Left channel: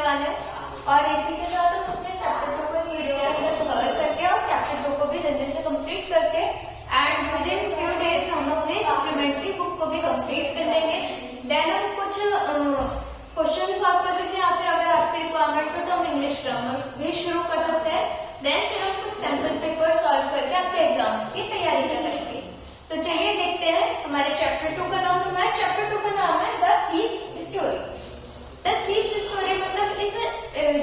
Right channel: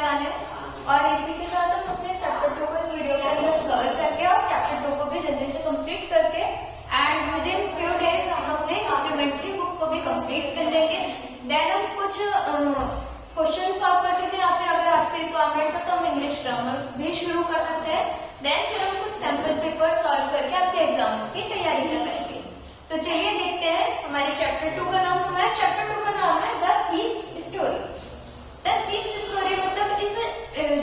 करने वाले हैं और इसी के साथ हम अपने चैप्टर 2 को इस वीडियो के अंदर कवर करके और चैप्टर 2 को भी जल्दी से कंप्लीट करके and with in few days हम अपने सप्लीमेंट्री बुक को भी कंप्लीट कर लेंगे। देन हम कुछ क्वेश्चन सॉल्व कर सकते हैं या फिर अगर आपकी रिक्वायरमेंट हो तो हम इंग्लिश ग्रामर भी शुरू कर सकते हैं। देन फिर हम कुछ सैंपल पेपर सॉल्व करके आपके एग्जाम्स की तैयारी करवाएंगे। तो चलिए देखते हैं हमारे चैप्टर 2 का नाम, हमारे चैप्टर 2 का नाम है the thieves story. The thieves story मतलब इस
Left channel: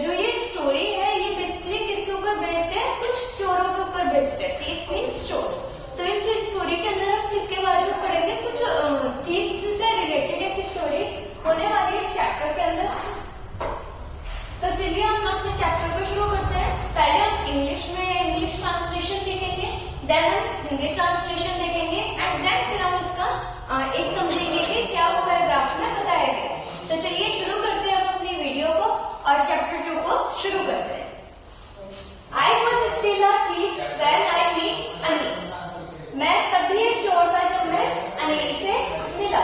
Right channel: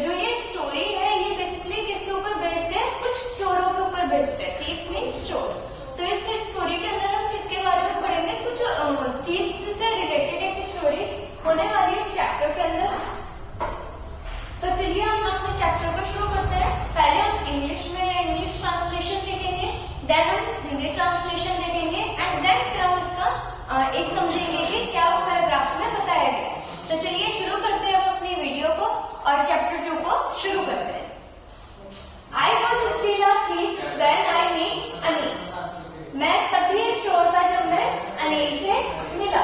जो ये स्टोरी है ये बेसिकली किसके ऊपर बेस्ड है, कुछ चोरों के ऊपर बेस्ड है। थीव मीन्स चोर। तो इस स्टोरी के अंदर हम किसके बारे में पढ़ेंगे, कुछ थीव्स से रिलेटेड एक स्टोरी होने वाली है इस चैप्टर के अंदर। तो चलिए हम अपने चैप्टर को शुरू करते हैं। पहले हम इंग्लिश में इंग्लिश ट्रांसलेशन देखेंगे, देन हम हिंदी ट्रांसलेशन देखेंगे एंड देन फिर हम इसका एक समझेंगे कि क्या उस पैराग्राफ में बताया गया है। तो चलिए शुरू करते हैं हम अपनी वीडियो को और चैप्टर 2 को शुरू करते हैं। I was still a thief when I meet Anil. मैं तभी एक चोर था जब मैं अनिल से मिला।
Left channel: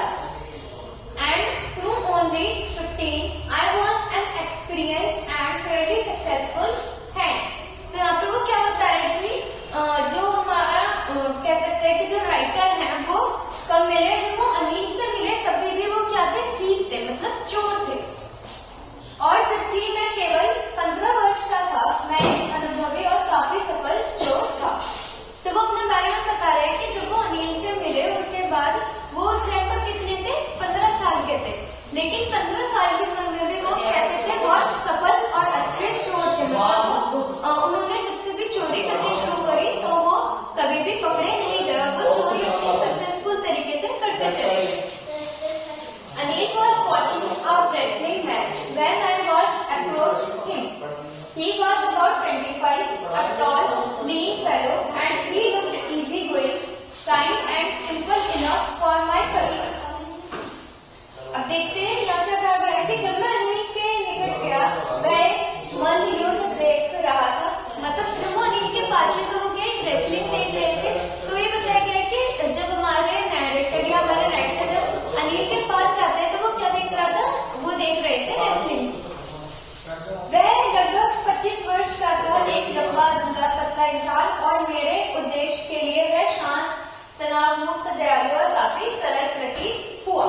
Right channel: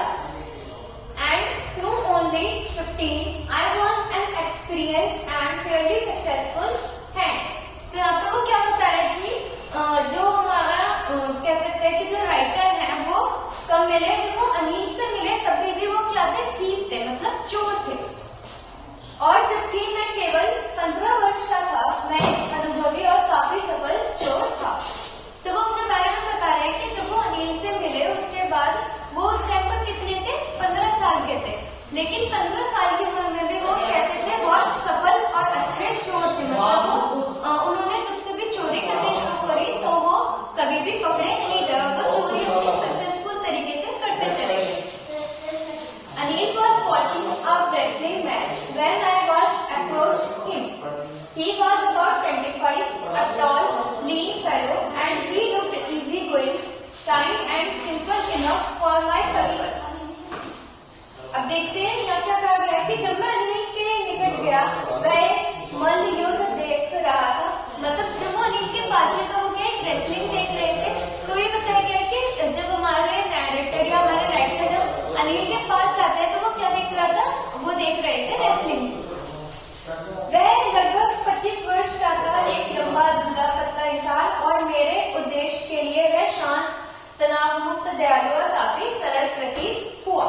And through only 15 I was an experienced and fairly successful hand। तो यहाँ पे वो क्या बता रहे हैं कि जो हमारा कह सकते हैं कि जो राइटर है वो कब मिले, जब वो अनिल से मिले तभी भी वो क्या थे, थीफ थे, मतलब चोर थे। और जबकि मैं केवल 15 वर्ष का था मैं एक अनुभवी और काफी सफल चोर था। तो वो अपने बारे में बता रहे हैं कि जब वो अनिल से मिले उसके बाद वो उस टाइम पर कितने थे, 15 साल के थे। लेकिन 15 साल की उम्र में भी वो कैसे थे, बहुत सफल और अच्छे चोर थे। मतलब वो उन्होंने जब से भी चोरी करनी शुरू करी तो वो कभी भी पकड़े नहीं गए, वो चोरी सक्सेसफुल तरीके से करते चले गए। Anil was watching a wrestling match when I was approached him. He was about 25, a tall, lean fellow, and he looked easygoing, kind and simple enough for my purpose. अब देखते हैं यहाँ क्या कहा गया है कि जब मैं अनिल के निकट गया वह एक मल्ल युद्ध देख रहा था। मतलब जब वो अनिल के पास थे तो वो क्या एक रेसलिंग देख रहे थे। तो ये बताया गया कि जब हमारे नैरेटर या हमारे राइटर जब अनिल के पास जाते हैं तो वो क्या देख रहा था, वो देख रहे थे रेसलिंग। वह लगभग 25 वर्ष का था, एक लंबा दुबला पतला इंसान और मेरे उद्देश्य के लिए वह शांत, तनाव मुक्त, दयालु और काफी सरल प्रतीत हुआ।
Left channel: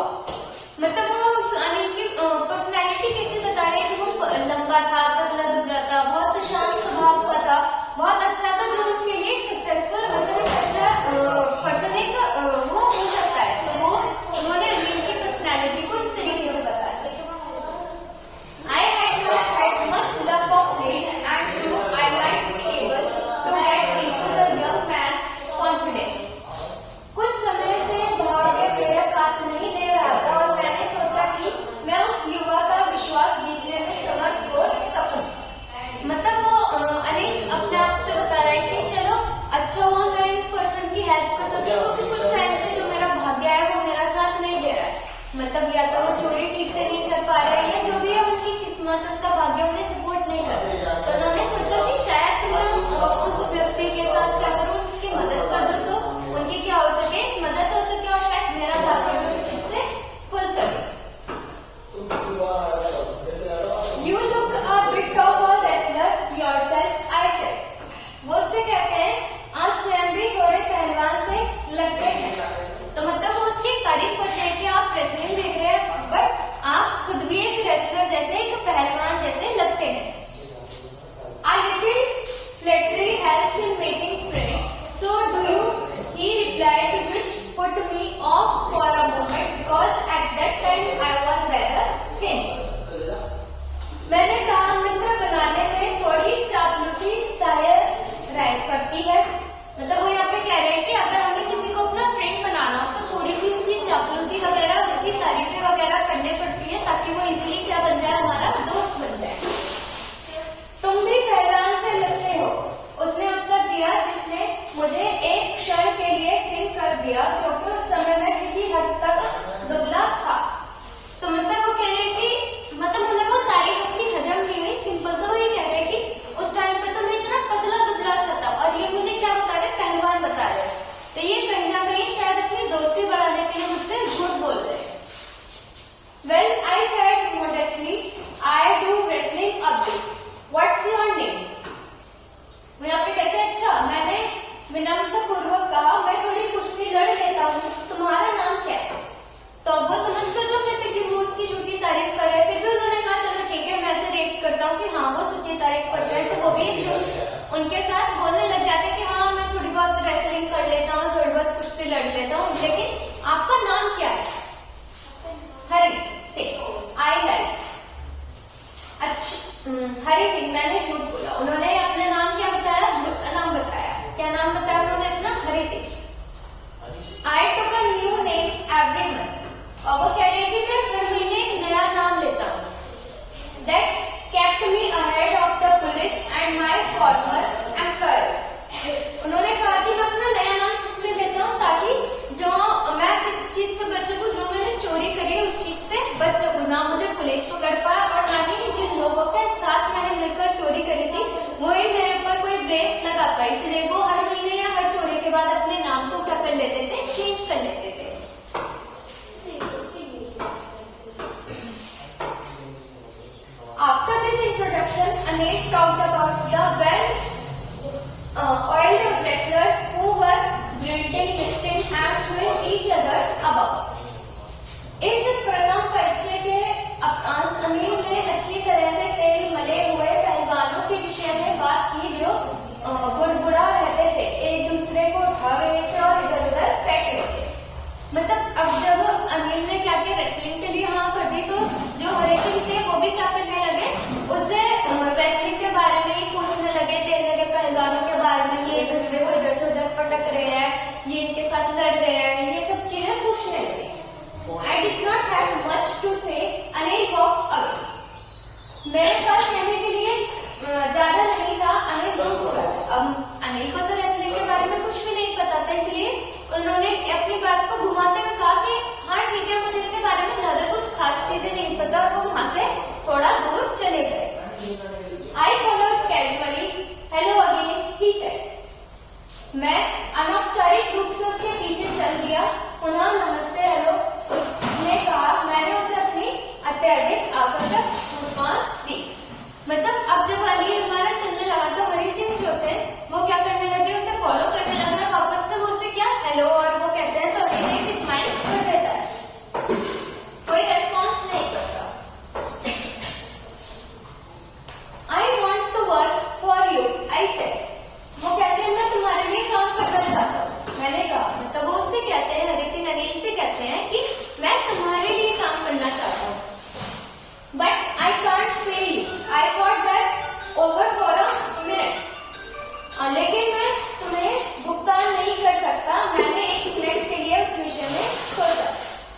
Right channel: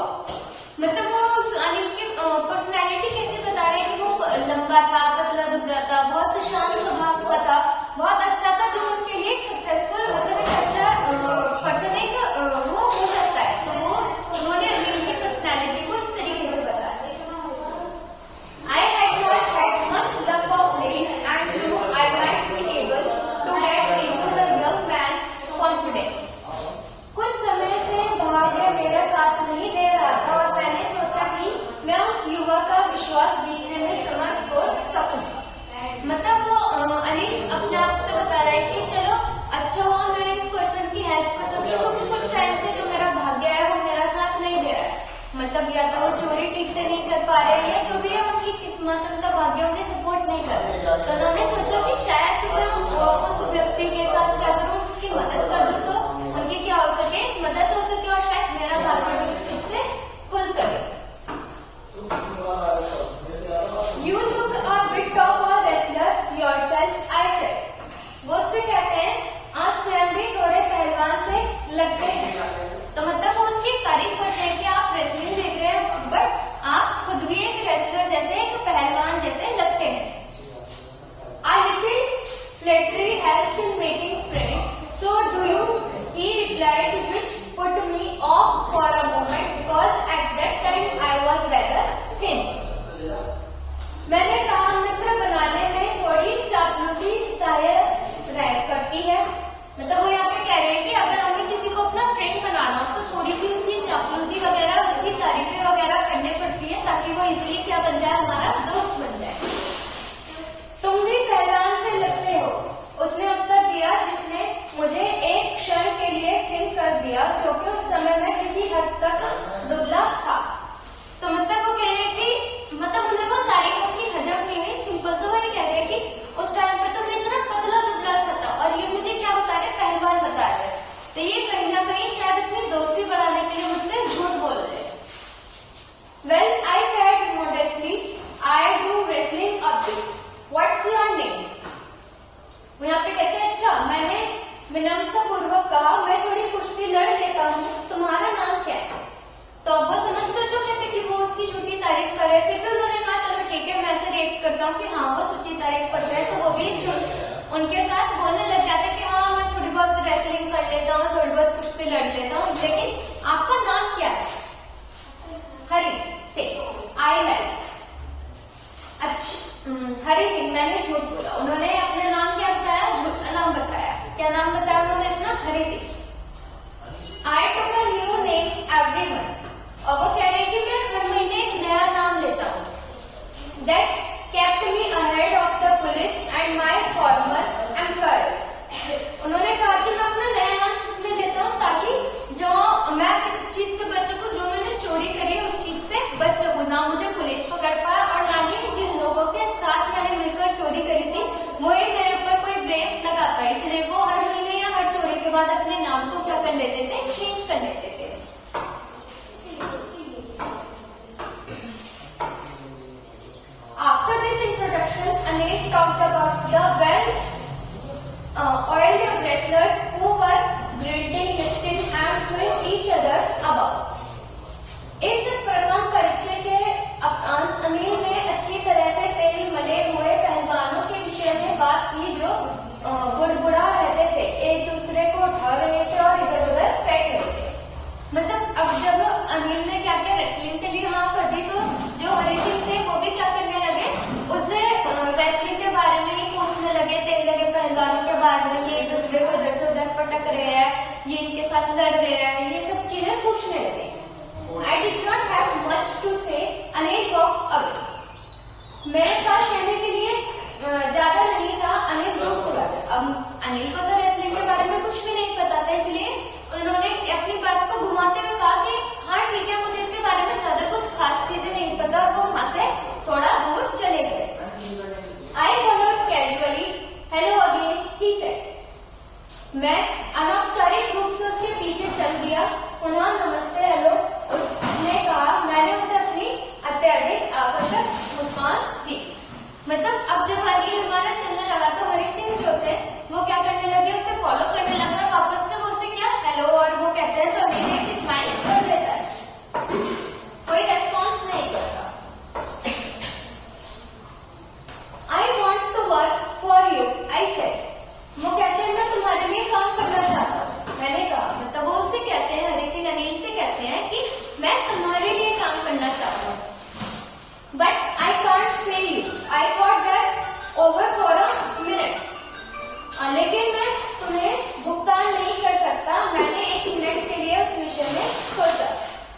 मतलब वो अनिल की पर्सनैलिटी कैसे बता रहे हैं कि वो लंबा था, पतला दुबला था, बहुत शांत स्वभाव का था, बहुत अच्छा था, जो उनके लिए एक सक्सेसफुल मतलब एक अच्छा पर्सन एक वो हो सकता है। तो वो उन्होंने अनिल की पर्सनैलिटी को इस तरीके से बताया। I had not had much luck of late and knew I might be able to get into the young man's confidence। कुछ समय से भाग्य मेरे साथ नहीं दे रहा था और मैंने सोचा कि मैं उस युवा का विश्वास जीतने में समर्थ हो सकूं। मतलब वो अनिल अपने आप से बता रहा है कि चलो अच्छा हुआ मैं इस पर्सन की हेल्प कर सकूं, क्योंकि कुछ टाइम से जो मेरा भाग्य है वो मेरा साथ नहीं दे रहा है। मतलब या तो वो चोरी ठीक से नहीं कर पा रहे हैं या जो भी है उनकी किस्मत, उनका भाग्य उन्हें सपोर्ट नहीं कर रहा। तो उन्होंने सोचा कि शायद मैं उस व्यक्ति के साथ क्या करूं, उसकी मदद कर दूं तो उनकी क्या हो सके, मदद हो सके और शायद मेरा भाग्य भी उस चीज से खुल सके। You look a bit of a wrestler yourself, I said। वो उससे कहते हैं आप स्वयं भी थोड़े पहलवान से लगते हैं। तो मतलब वो उसकी तारीफ करते हैं कि आप रेसलिंग देख रहे हैं बट आप खुद भी एक रेसलर जैसे, एक पहलवान जैसे लगते हैं। A little flattery helps in making friends, so do you? He replied, which put me off for a moment because at that time I was rather thin। मैंने कहा मित्र बनाने में थोड़ी चापलूसी सहायक रह करती है। मतलब वो यहाँ पे कह रहे हैं कि अगर हमें किसी को अपना फ्रेंड बनाना हो तो थोड़ी सी उसकी चापलूसी वगैरह, उसकी तारीफें वगैरह करनी पड़ती है ताकि वो इजीली क्या बन जाए, हमारा दोस्त बन जाए। तुम भी पहलवान से लगते हो, उसने उत्तर दिया, जिसने मुझे एक क्षण के लिए थिन कर दिया क्योंकि उस समय मैं किसी हद तक दुबला था। तो मतलब वो कह रहे हैं कि मतलब उन्हें वो तारीफ अपनी हजम नहीं हुई। सिंपल सा वो ये कह रहे हैं कि उस टाइम पे तो मैं इतना पतला दुबला सा था और ये मुझे क्या बता रहे, पहलवान बता रहे हैं। तो ये कहीं ना कहीं शायद अपनी दोस्ती बढ़ाने के लिए मुझसे झूठ बोल रहे हैं। Well, I said modestly, I do wrestling what's your name? वो यहाँ पे कहते हैं अच्छा, मैंने विनम्र पूर्वक कहा मैं थोड़ी कुश्ती लड़ लेता हूँ, तुम्हारा नाम क्या है? तो अब वो समझ तो चुके थे कि वो उसकी झूठी तारीफ कर रहे थे, फिर उन्होंने कहा चलो ठीक है, मैं ऐसे रिएक्ट करता हूँ कि हाँ वो सच्ची तारीफ करते हैं, तो वो भी झूठ उनके साथ बोलने लग जाते कि हाँ मैं थोड़ी बहुत रेसलिंग कर लेता हूँ, थोड़ी बहुत कुश्ती लड़ लेता हूँ, लेकिन आपका नाम क्या है? हरी सिंह। I like. अच्छा हरी सिंह, मैंने झूठ बोला। उन्होंने अपना नाम क्या बताया? झूठा नाम बताया। क्या नाम बताया उन्होंने अपना? Hari Singh. I took a new name every month, और वो कह रहे कि मैं हर महीने एक नया नाम लेता हूँ। That kept me ahead of the police and my farmer employers. उन्होंने कहा कि मैं अपना नया नाम इसलिए लेता हूँ ताकि जो मैं किस चीज से बच सकूँ, जो मैंने चोरी करी है उस चीज से बच सकूँ, ना मुझे पुलिस पकड़ पाए और ना ही जिन लोगों के साथ मैंने मिलकर चोरी करी थी वही मेरे ऊपर कोई ब्लेम लगा पाए। इसलिए वो हर महीने या हर चोरी के बाद अपने नाम को क्या कर लेते थे? चेंज कर लेते थे। After this introduction, Anil talked about the well-oiled wrestlers who were grunting, lifting, and throwing each other about. इस प्रथम परिचय के उपरांत अनिल ने अच्छी तरह से तेल मले हुए पहलवानों के विषय में बात की जो बुड़बुड़ा रहते थे, एक दूसरे को उठा रहे थे और इधर उधर फेंक रहे थे। मतलब अब जब अनिल ने क्या किया, रेसलिंग के लिए हाँ कर दी, तो जो हरी सिंह थे वो भी क्या करने लगे, उससे रेसलिंग के बारे में ही पूछने लगे, तेल लगे पहलवानों के बारे में, ये एक दूसरे को इधर से उधर पटक रहे हैं, ये इनके साथ लड़ रहे हैं, ये सब चीजें पूछने लगे। I did not have much to say. Anil walked away. मेरे पास कहने के लिए ज्यादा नहीं था, अनिल दूर चला गया। अब अनिल को तो रेसलिंग के बारे में कुछ भी नहीं पता था, इसलिए उन्होंने अपनी बात को घुमाते हुए कहा कि हाँ ठीक है, मुझे इसके बारे में ज्यादा कुछ खास चीजें नहीं पता, वो वहां से थोड़ा दूर चले गए। I followed casually. Hello again, he said. मैं अनौपचारिक रूप से उसके पीछे चल दिया। पुनः नमस्ते, हेलो उसने कहा। मैंने उसे अपनी अत्यधिक आकर्षक मुस्कान दी। मतलब अब जब अनिल हमारा चलने लगा तो हरी सिंह जो थे वो क्या करने लगे, उसे फॉलो करने लगे और वापस से वो उससे क्या हेलो और वो कहते हैं तो अनिल एक स्माइल कर देता है, कोई रेस्पॉन्स नहीं करता। I want to work for you, I said. वो कहते हैं मैं तुम्हारे लिए काम करना चाहता हूँ। मैंने कहा, मतलब वो उससे कहते हैं, हरी सिंह अनिल से कहते हैं कि मैं तुम्हारे लिए काम करना चाहता हूँ। But I can't pay you, I thought that over for a minute. लेकिन मैं तुम्हें भुगतान नहीं कर सकता, मैंने एक मिनट के लिए उस विषय में सोचा।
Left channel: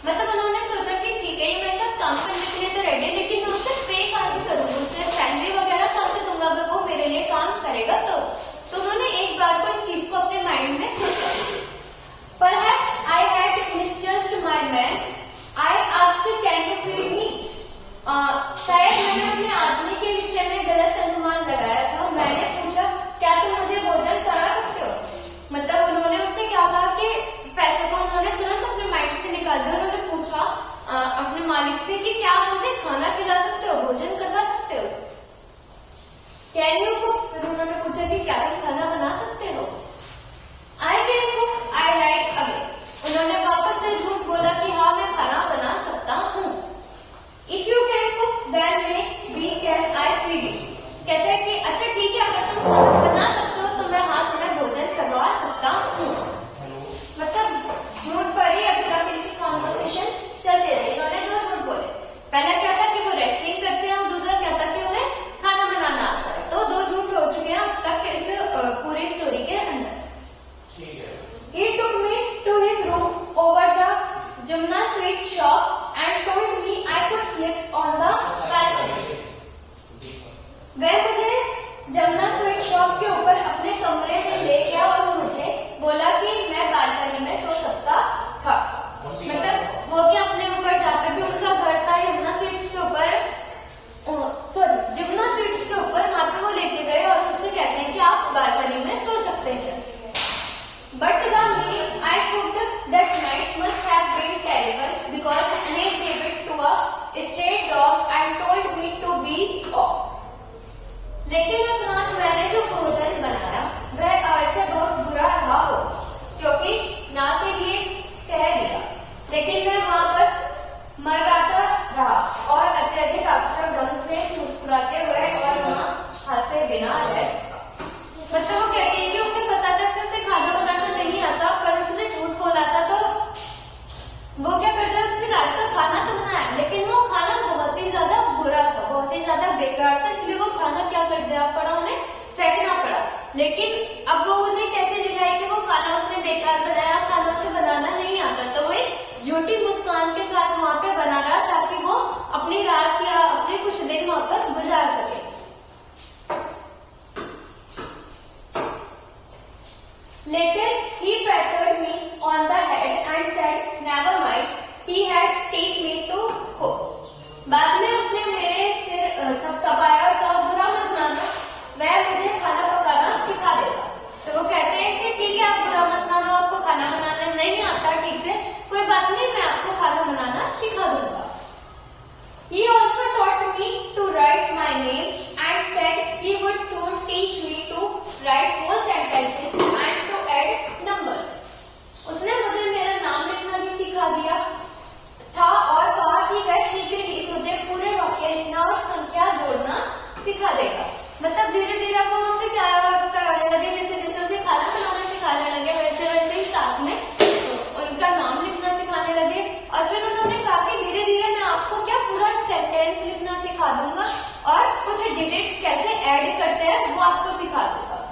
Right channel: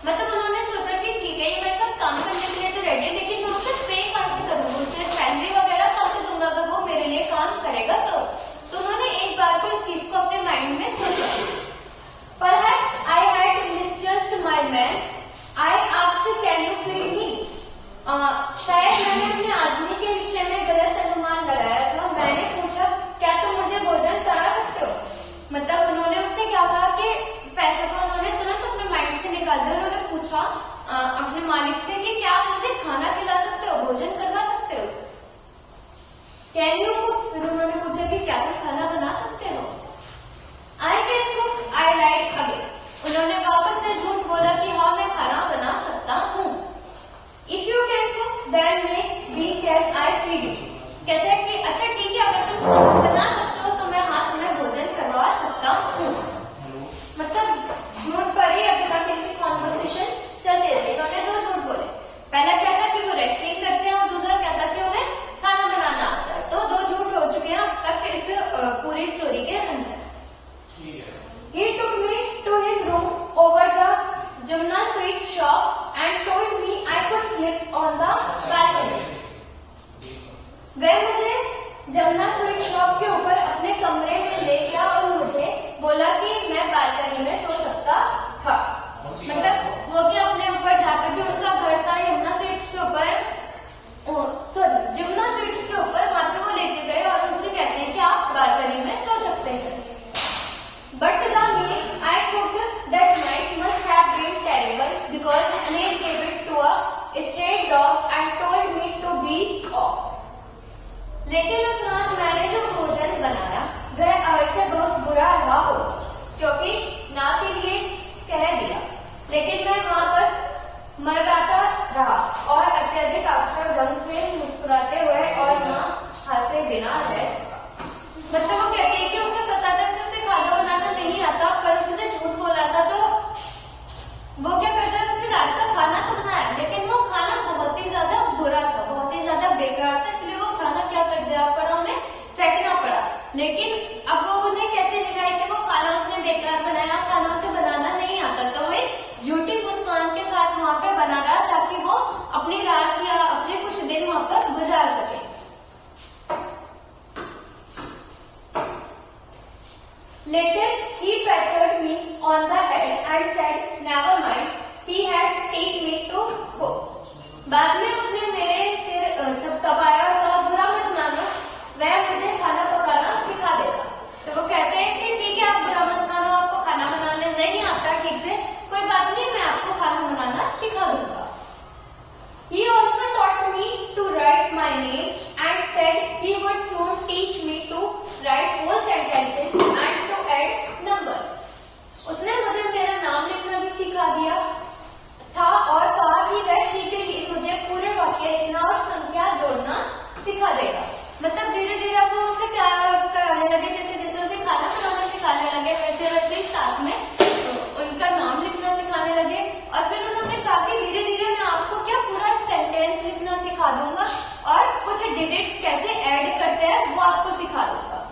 मतलब उन्होंने सोचा कि ठीक है, मैं सब काम करने के लिए तो रेडी, लेकिन मैं उसे पे कहाँ से करूंगा, उसे सैलरी वगैरह कहाँ से दूंगा अगर वो मेरे लिए काम करेगा तो उन्होंने एक बार को इस चीज को अपने माइंड में सोचा। Perhaps I had misjudged my man. I asked, can you feed me? शायद मैंने अपने आदमी के विषय में गलत अनुमान लगाया था। मैंने पूछा, क्या तुम मुझे भोजन करा सकते हो? मतलब उन्होंने उससे क्या कहा कि पैसे को उन्होंने तुरंत अपने माइंड से निकाल दिया। उन्होंने पूछा अपने मालिक से कि क्या आप मुझे खाना खिला सकते हो, भोजन करवा सकते हो? Can you cook? फिर उन्होंने पूछा कि क्या तुम खाना बना सकते हो? I can cook, I like again. उन्होंने वापस से झूठ बोला कि हाँ मैं खाना बना सकता हूँ। If you can cook then we can I feed you. कहते हैं कि अच्छा ठीक है, अगर तुम खाना बना सकते हो तो मैं हाँ तुम्हें भोजन करवा सकता हूँ। मतलब झूठ पर ही अभी तक इनकी कॉन्वर्सेशन चलते रहे। इन्होंने दो झूठ बोले। पहला क्या था कि वो रेसलिंग करते हैं और दूसरा क्या था कि उन्हें खाना बनाना आता है। तो दो झूठ हो चुके हैं अब तक इस पूरी स्टोरी के अंदर। He took me to his room over the Jumna sweet shop and told me I could sleep on the balcony. वह मुझे जमुना स्वीट शॉप के ऊपर अपने कमरे में ले गया और मुझे बोला कि मैं बालकनी में सो सकता था। मतलब वो क्या अपने ऊपर जहाँ पे भी उनका घर था यमुना स्वीट्स के ऊपर, जमुना स्वीट्स के ऊपर, वहां पे वो लेके गए और उनसे कहते हैं कि आप बालकनी में सो सकते हैं। But the meal I cooked that night must have been terrible because Anil gave it to a stray dog and told me to be off. लेकिन उस रात मैंने जो भोजन बनाया वह अवश्य बहुत बुरा रहा हो, क्योंकि ना के लिए कह दिया, लेकिन मैं वहां बस मर्राता रहा और अत्यधिक अक्षर ढंग से मुस्कुराते हुए और वहां हंसे बिना रह सका। मतलब वो कहते हैं कि उसे पता था कि उसे खाना बनाना नहीं आता, पर उसने झूठ बोला था। तो वो क्या करता है, उसने रात का खाना तो बनाया, लेकिन वो खाना बहुत ही ज्यादा बुरा था, बहुत ही ज्यादा बेकार था, इसलिए वो खाना क्या कर देना पड़ा, उन्हें फेंकना पड़ा। लेकिन अब वो उन्हें कैसे दिखाए कि वो खाना उसने बेकार बनाया, खाना उसे बनाना नहीं आता। तो वो एक झूठी मुस्कान के साथ वहां पे बना रहा ताकि वो अपनी रात या अपने कुछ दिन वहां पर गुजार सके। Later he patted me on the head and said, "Never mind, he has taught me to cook." बाद में उसने मेरे सिर थपथपाया और कहा, बुरा मत मानो, वह मुझे खाना पकाना सिखा देगा। तो वो कहते हैं कि ठीक है, आप बुरा मत मानो, आपको खाना बनाना नहीं आता ठीक से, कोई बात नहीं, मैं आपको खाना बनाना सिखा दूंगा। He also taught me to write my name and said he would soon teach me to write whole sentences and to add numbers. उसने मुझे मेरा नाम लिखना भी सिखा दिया था और कहा कि वह शीघ्र ही मुझे पूरे वाक्य लिखना और संख्या जोड़ना सिखा देगा। मतलब धीरे धीरे वो उससे क्या कराने लगे, जैसे जैसे उसे खाना बनाना सिखाने लगे वैसे वैसे ही साथ में उनका नाम लिखना सिखाने लगे। और फिर उन्होंने कहा कि धीरे धीरे मैं आपको क्या पूरा सेंटेंस लिखना सिखा दूंगा और कुछ डिजिट्स कैसे ऐड करते हैं वो आपको सिखा दूंगा।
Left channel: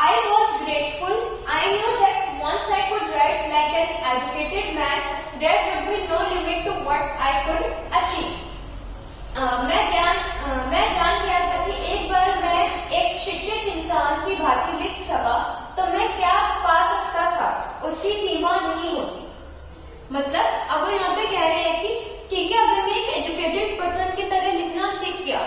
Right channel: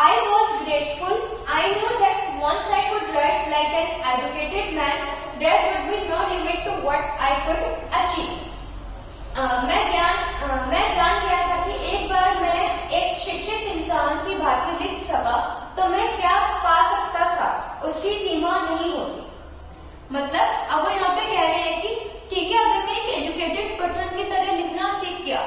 I was grateful. I knew that once I could write like an educated man, there would be no limit to what I could achieve. मैं जान गया था कि एक बार मैं एक शिक्षित इंसान की भांति लिख सका तो मैं क्या पा सकता था, उसकी सीमा नहीं होती। मतलब अब वो यहाँ पे कह रहे हैं कि ठीक है, अगर मैं एक एजुकेटेड पर्सन की तरह लिखना सीख गया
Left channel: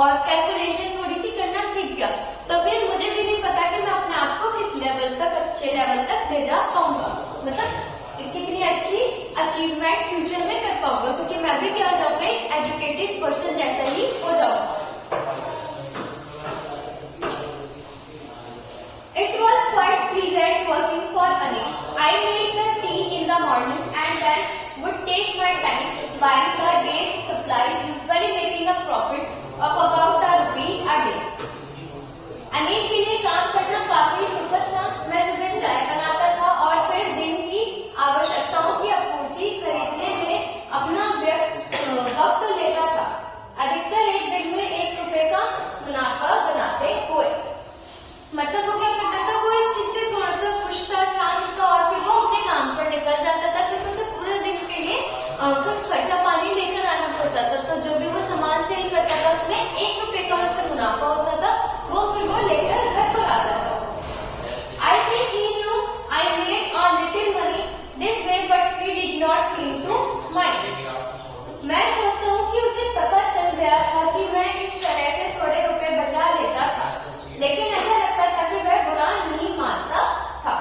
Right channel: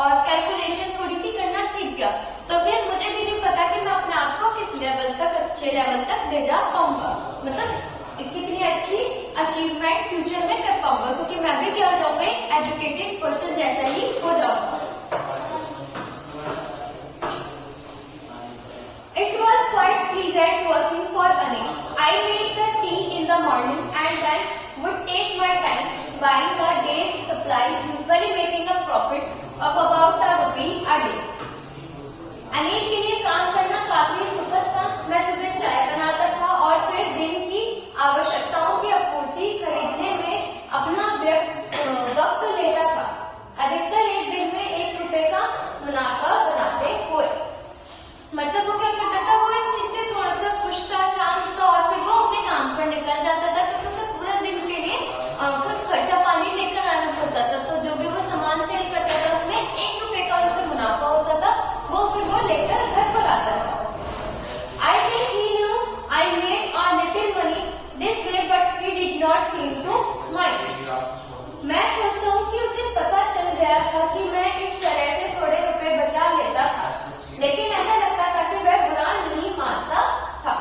और कैलकुलेशन थोड़ी सी करना सीख गया, तो फिर मुझे भी नहीं पता कि मैं अपने आप को किस लेवल तक, अच्छे लेवल तक ले जा पाऊंगा, मतलब कितनी अच्छी अचीवमेंट फ्यूचर में कर पाऊंगा, क्योंकि मैं भी क्या हो जाऊंगा, एक एजुकेटेड पर्सन जैसा ही हो जाऊंगा। It was quite pleasant working for Anil. I made the tea in the morning and then would take my time buying the day's supplies, usually making a profit of about ₹1 a day. Anil के लिए काम करना काफी सुखद था। मैं सुबह चाय बनाता था और फिर दिन की आवश्यकताओं की आपूर्ति खरीदने में अपना वक्त लेता था। अधिकतर एक दिन में ₹1 का मुनाफा बनाते हुए। मतलब वो क्या करता था, वो इस चीज से थोड़ा सा खुश था, शांत था और फिर वो अपने काम पर निकल जाता था, क्योंकि उसे पूरे दिन के लिए कुछ खर्चा पानी लेकर आना पड़ता था। तो जो भी वो सामान सेल करता था उसमें ₹1 का उसे मुनाफा होता था, वो फिर वो लेकर घर पर आता था। I think he knew I made a little money this way, but he did not seem to mind. मैं सोचता हूँ कि उसे पता चल गया था कि मैं इस तरह से थोड़े रुपए बचा लेता था, लेकिन ऐसा लगता था कि वह बुरा नहीं मानता था।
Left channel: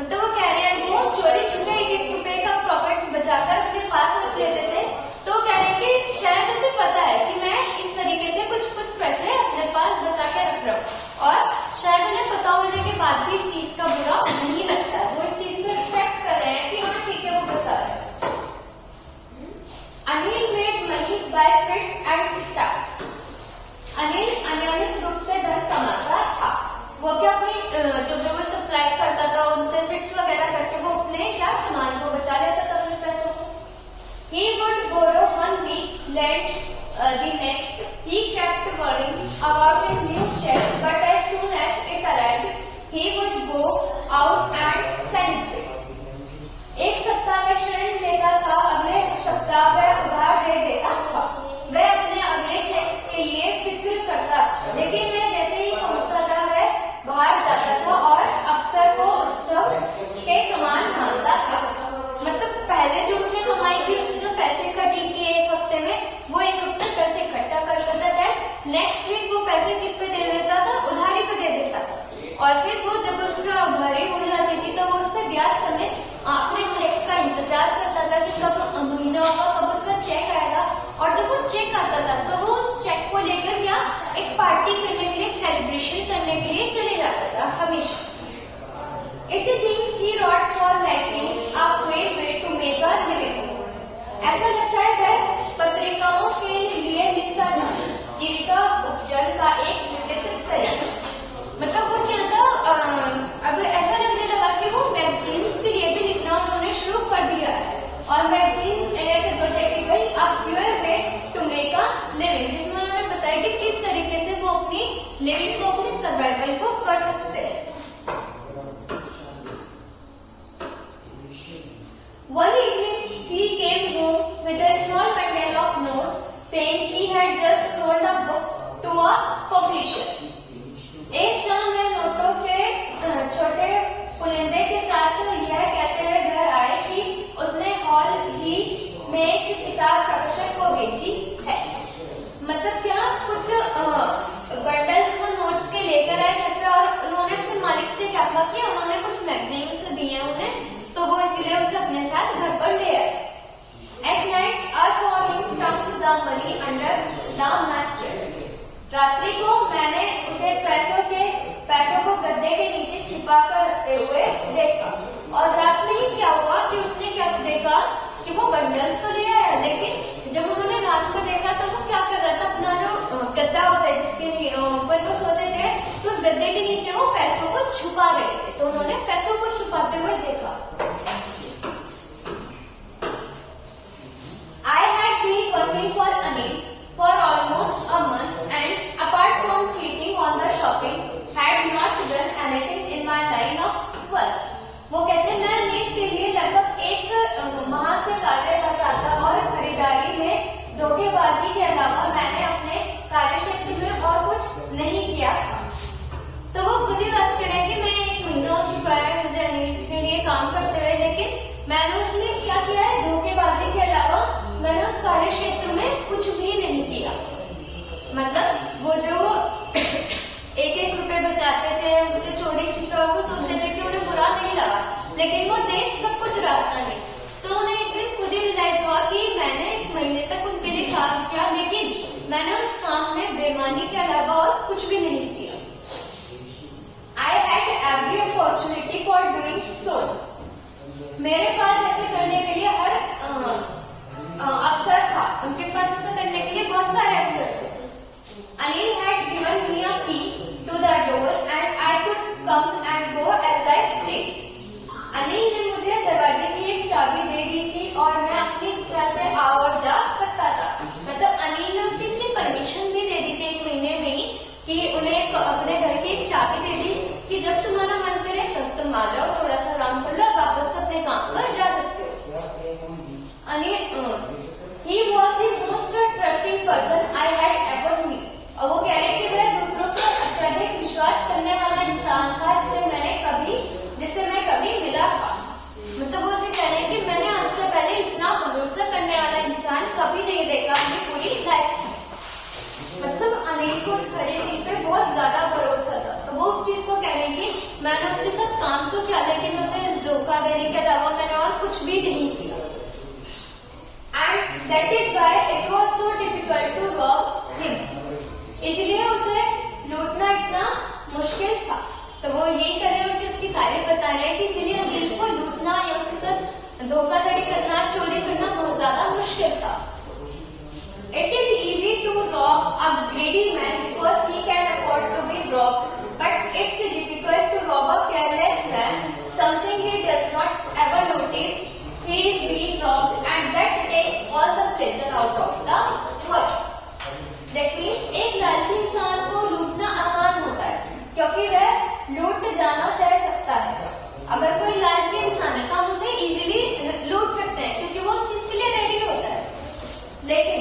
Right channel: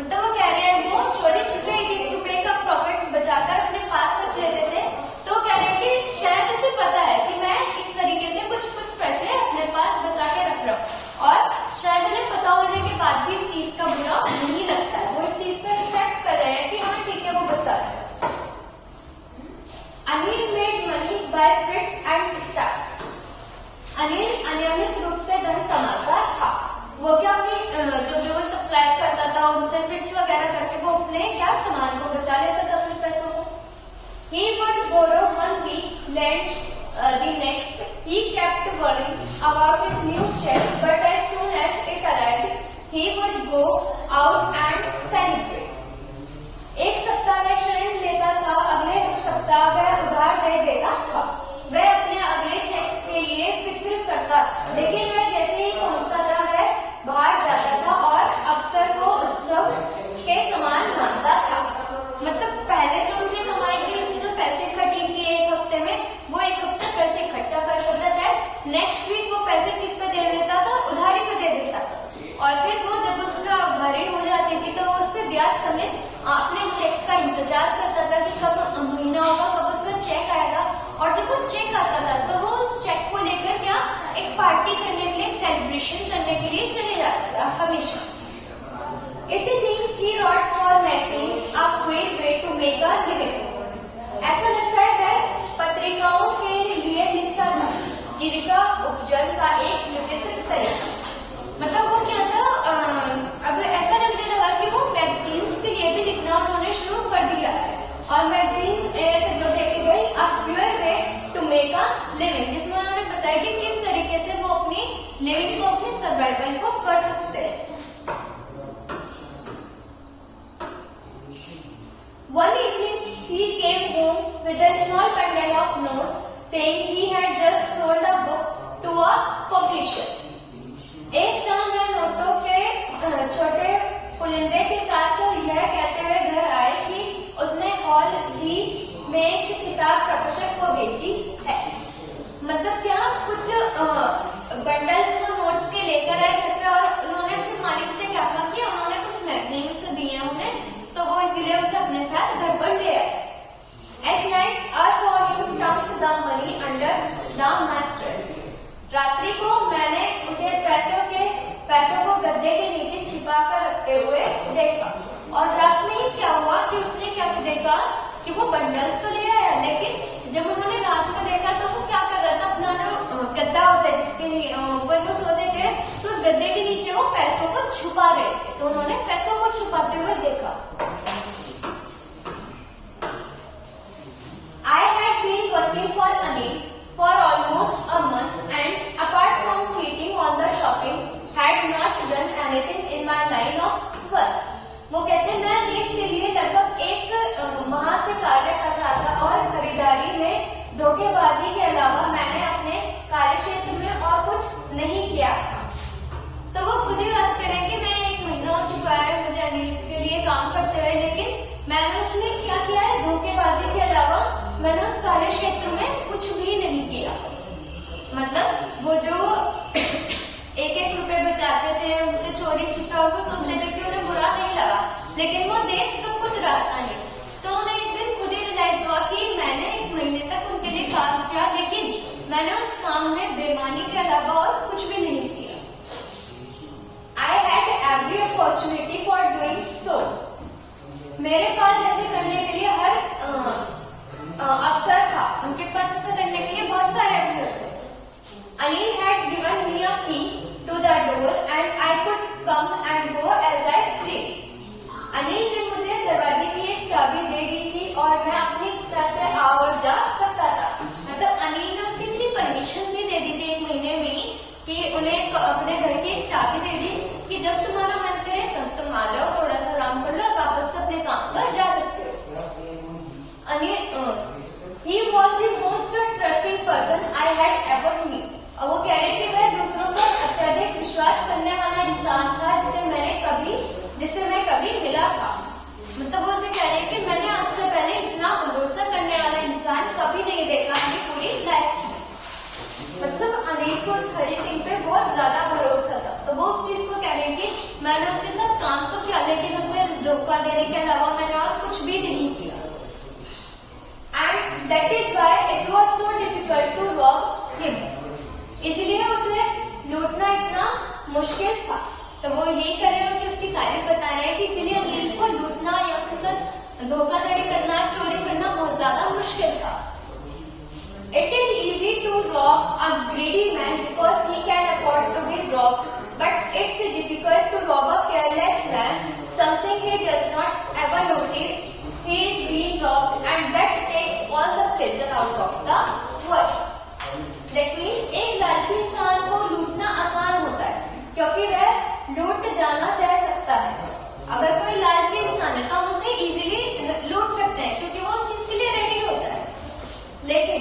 मतलब वो कह रहे हैं, वो चोरी छुपे ₹1 का प्रॉफिट बचाकर अपने पास रख लेते थे। तो कह रहे हैं कि शायद उसे पता है कि मैं इस तरीके से कुछ पैसे अपने पास बचा के रख रहा हूँ, और शायद उन्हें पता होने के बाद भी इस चीज का बुरा नहीं लगता है। वो इस चीज को एक्सेप्ट कर रहे हैं कि हाँ ठीक है, वो बता रहे हैं। Anil made money by fits and starts. Anil अनियमित रूप से धन कमाता था। वो क्या अपनी जो वो सप्लाई करता था उनसे फिट्स वगैरह करके वो अपने क्या सामान को बचा लेता था, कुछ पैसों को। He would borrow 1 week, lend the next. He kept worrying about his new check, but as soon as it arrived, he would go out and celebrate. एक सप्ताह में ऋण लेता था, अगले सप्ताह वह उधार दे देता था। वह अपने अगले चेक के लिए फिक्र करता, लेकिन वह जैसे ही पहुंचता था वह बाहर जाता था और अक्सर वो उत्सव के समान मानता था। मतलब पहले जो उसने कमाई थी, उसने जो पैसे इकट्ठे किए एक हफ्ते में, वो एक हफ्ते पैसे इकट्ठा करता था, देन नेक्स्ट वीक वो पैसे किस पे दे देता था, उधारी पे दे देता था। और फिर वो जब उसका उधारी हो जाती थी तो वो उस पर ब्याज समेत अपने चेक का इंतजार करता था कि कब महीना होगा, कब उसका चेक आएगा। और जब वो चेक आता था तो वो उस चेक को लेकर क्या एक पार्टी करने के लिए, सेलिब्रेशन करने के लिए चले जाता था हमेशा। It seems he wrote for magazines a queer way to make a living. ऐसा लगता है वह पत्रिकाओं के लिए लिखता था, जीविका उपजन का एक विचित्र तरीका। मतलब वो क्या था, अब ऐसा लगने लगा कि वो मैगजीन्स के लिए भी लिखना उन्होंने शुरू कर दिया है। और मैगजीन जो देखी गई a queer way to make a living, जिसमें उन्होंने बताया कि किस तरीके से वो अपनी लिविंग को, अपने सर्वाइवल को कर सकते हैं। One evening, he came home with a small bundle of notes, saying he had just sold a book to a publisher. एक शाम वह नोटों के छोटे पुलिंदे के साथ यह कहते हुए घर आए कि उसने हाल ही में एक किताब प्रकाशक को बेची है। मतलब क्या, कुछ बंडल्स वो नोट्स के लेकर आए घर पे और उन्होंने अपने मालिक से क्या कहा कि उन्होंने कुछ मैगजीन्स दिए हैं उन्हें, तो वो इसीलिए उसे अपने साथ घर पर ले आए। At night, I saw him dump the money under the mattress. रात्रि को मैंने उसे पैसों को गद्दे के नीचे छिपा कर रखते हुए देखा। और रात में ही क्या हुआ कि उसने क्या देखा कि वो बंडल्स तो ले आया, लेकिन जब उन्होंने रात में देखा तो वो क्या कर रहा था, अपना जो गद्दा होता है जिसके ऊपर वो सोते थे, तो उस गद्दे के नीचे वो पैसों को छुपा रहे थे। तो उन्होंने पैसों को छुपाते हुए देखा। I had been working for Anil for almost a month and apart from cheating on the shopping, had not done anything in my line of work. वो कहते मैं अनील के लिए लगभग एक माह से कार्य कर रहा था और खरीदारी में धोखेबाजी के अलावा मैंने अपने कार्यक्षेत्र में और कुछ नहीं किया। तो वो खुद ही बात करें कि मैं 1 महीना हो चुका है मुझे अनील के लिए काम करते हुए, लेकिन मैंने उसमें क्या किया है, धोखेबाजी के अलावा मैंने उस कार्य क्षेत्र में कुछ भी नहीं किया। मतलब वो जो 1-1 रुपए बचाते थे, उनसे चोरी छिपा और वो सोचते थे कि उन्हें बुरा नहीं लगा, लेकिन वो देख सब कुछ रहा था नहीं। तो उन्हें एक दिन खुद ही रियलाइज हुआ कि मैंने 1 महीने तक उनके लिए काम किया, लेकिन मैंने उस काम में बेईमानी के अलावा और कुछ भी नहीं किया। I had every opportunity for doing so. मेरे पास ऐसे करने के लिए हर अवसर था, उनके पास ऐसा करने के लिए बहुत सारे अवसर थे। Anil had given me a key to the door and I could come and go as I pleased. Anil ने मुझे दरवाजे की एक चाबी दे दी थी और मैं अपनी इच्छा से आ और जा सकता था। मतलब अनिल ने उसे इतनी परमिशन भी दे दी थी 1 महीने में ही कि उन्हें अपने घर की एक चाबी दे दी कि जब तुम्हारा मन करे तब तुम आ जाओ, थोड़ा सा आराम कर लो, वापस से अपने काम पर जा सकते हो। He was the most trusting person I had ever met. और वो कह रहे कि वह दूसरों पर अत्यधिक विश्वास करने वाला इंसान था जिससे मैं कभी मिला था। मतलब वो उसे कह रहे हैं कि मैंने आज से पहले इतना भरोसा करने वाला इंसान कभी नहीं देखा अपनी पूरी लाइफ में। मतलब अनिल को उस हरी सिंह पे बहुत ज्यादा भरोसा था, तो वो उस चीज को कह रहे हैं कि मैंने उसके साथ काम तो किया, लेकिन उसे धोखा देने के अलावा मैंने और कुछ भी नहीं किया। And that is why it was so difficult to rob him. इसलिए उसे लूटना इतना मुश्किल था। तो वो ये कर रहे हैं कि उसकी तारीफ बता रहे हैं कि इसीलिए अनिल को लूटना या उसके साथ धोखाधड़ी करना, चोरी करना बहुत ज्यादा मुश्किल था। It is easy to rob a greedy man because he can afford to be robbed, but it's difficult to rob a careless man, something he does not ever notice he is being robbed, and that takes all the pleasure out of the work. That means एक लालची इंसान को लूटना आसान होता है क्योंकि वह लूट जाना सह सकता है। अगर कोई लालची इंसान है तो हम उसे इजीली लूट सकते हैं क्योंकि वो उस चीज के लिए रेडी होता है, लेकिन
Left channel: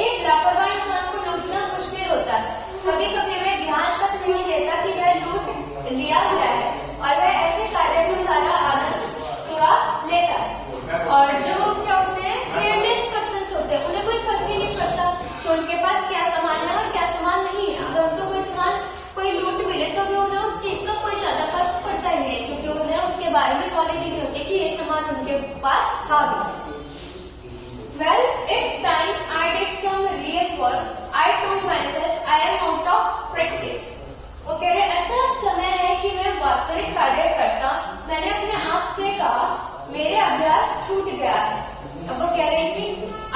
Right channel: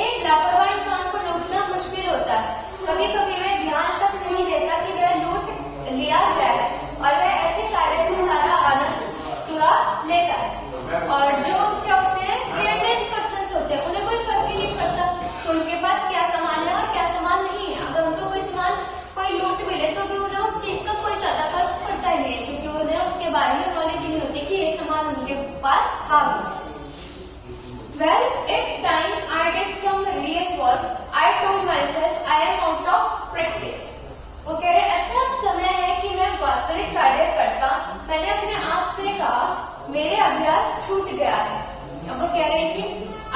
एक लापरवाह इंसान को लूटना मुश्किल होता है। कभी कभी वह ध्यान तक नहीं देता कि वह लूट लिया गया है और वह ऐसे कार्य से सारा आनंद चुरा लेता है। और जो क्या होते हैं, केयरलेस पर्सन होते हैं, उन्हें कोई फर्क ही नहीं पड़ता कि उनके पास क्या सामान है और क्या सामान नहीं है। अगर उनको कोई सामान कोई लूट मिले तो भी उन्हें उस चीज का कोई ज्यादा फर्क पड़ता ही नहीं है क्योंकि उन्हें उसके बारे में नॉलेज ही नहीं होती कि ये सामान उनके पास था भी। Well, it's time I did some real work. I told myself I am out of practice. वो कह रहे अच्छा अब समय है कि मैं वास्तविक कार्य करता हूँ। मैंने अपने आप से कहा मेरे अभ्यास छूट गया है। अब वो कह रहे हैं कि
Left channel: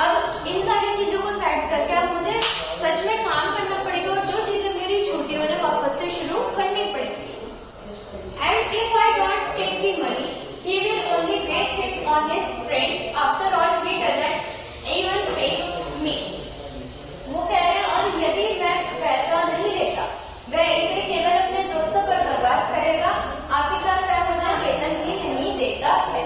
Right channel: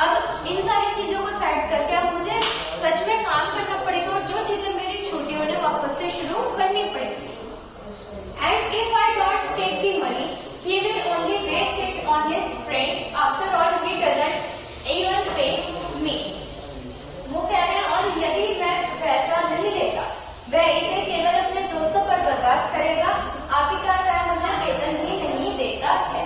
अब इन सारी चीजों को साइड करके अब मुझे सच में काम करना पड़ेगा और जो चीजें मेरी छूटी उन्हें वापस से शुरू करनी पड़ेगी। And if I don't take the money, he will only waste it on his friends. After all, he doesn't even pay me. वो कह रहे हैं और यदि मैं पैसा नहीं लेता वह इसे केवल अपने दोस्तों पर बर्बाद करेगा। आखिरकार वह मुझे वेतन ही नहीं देता है।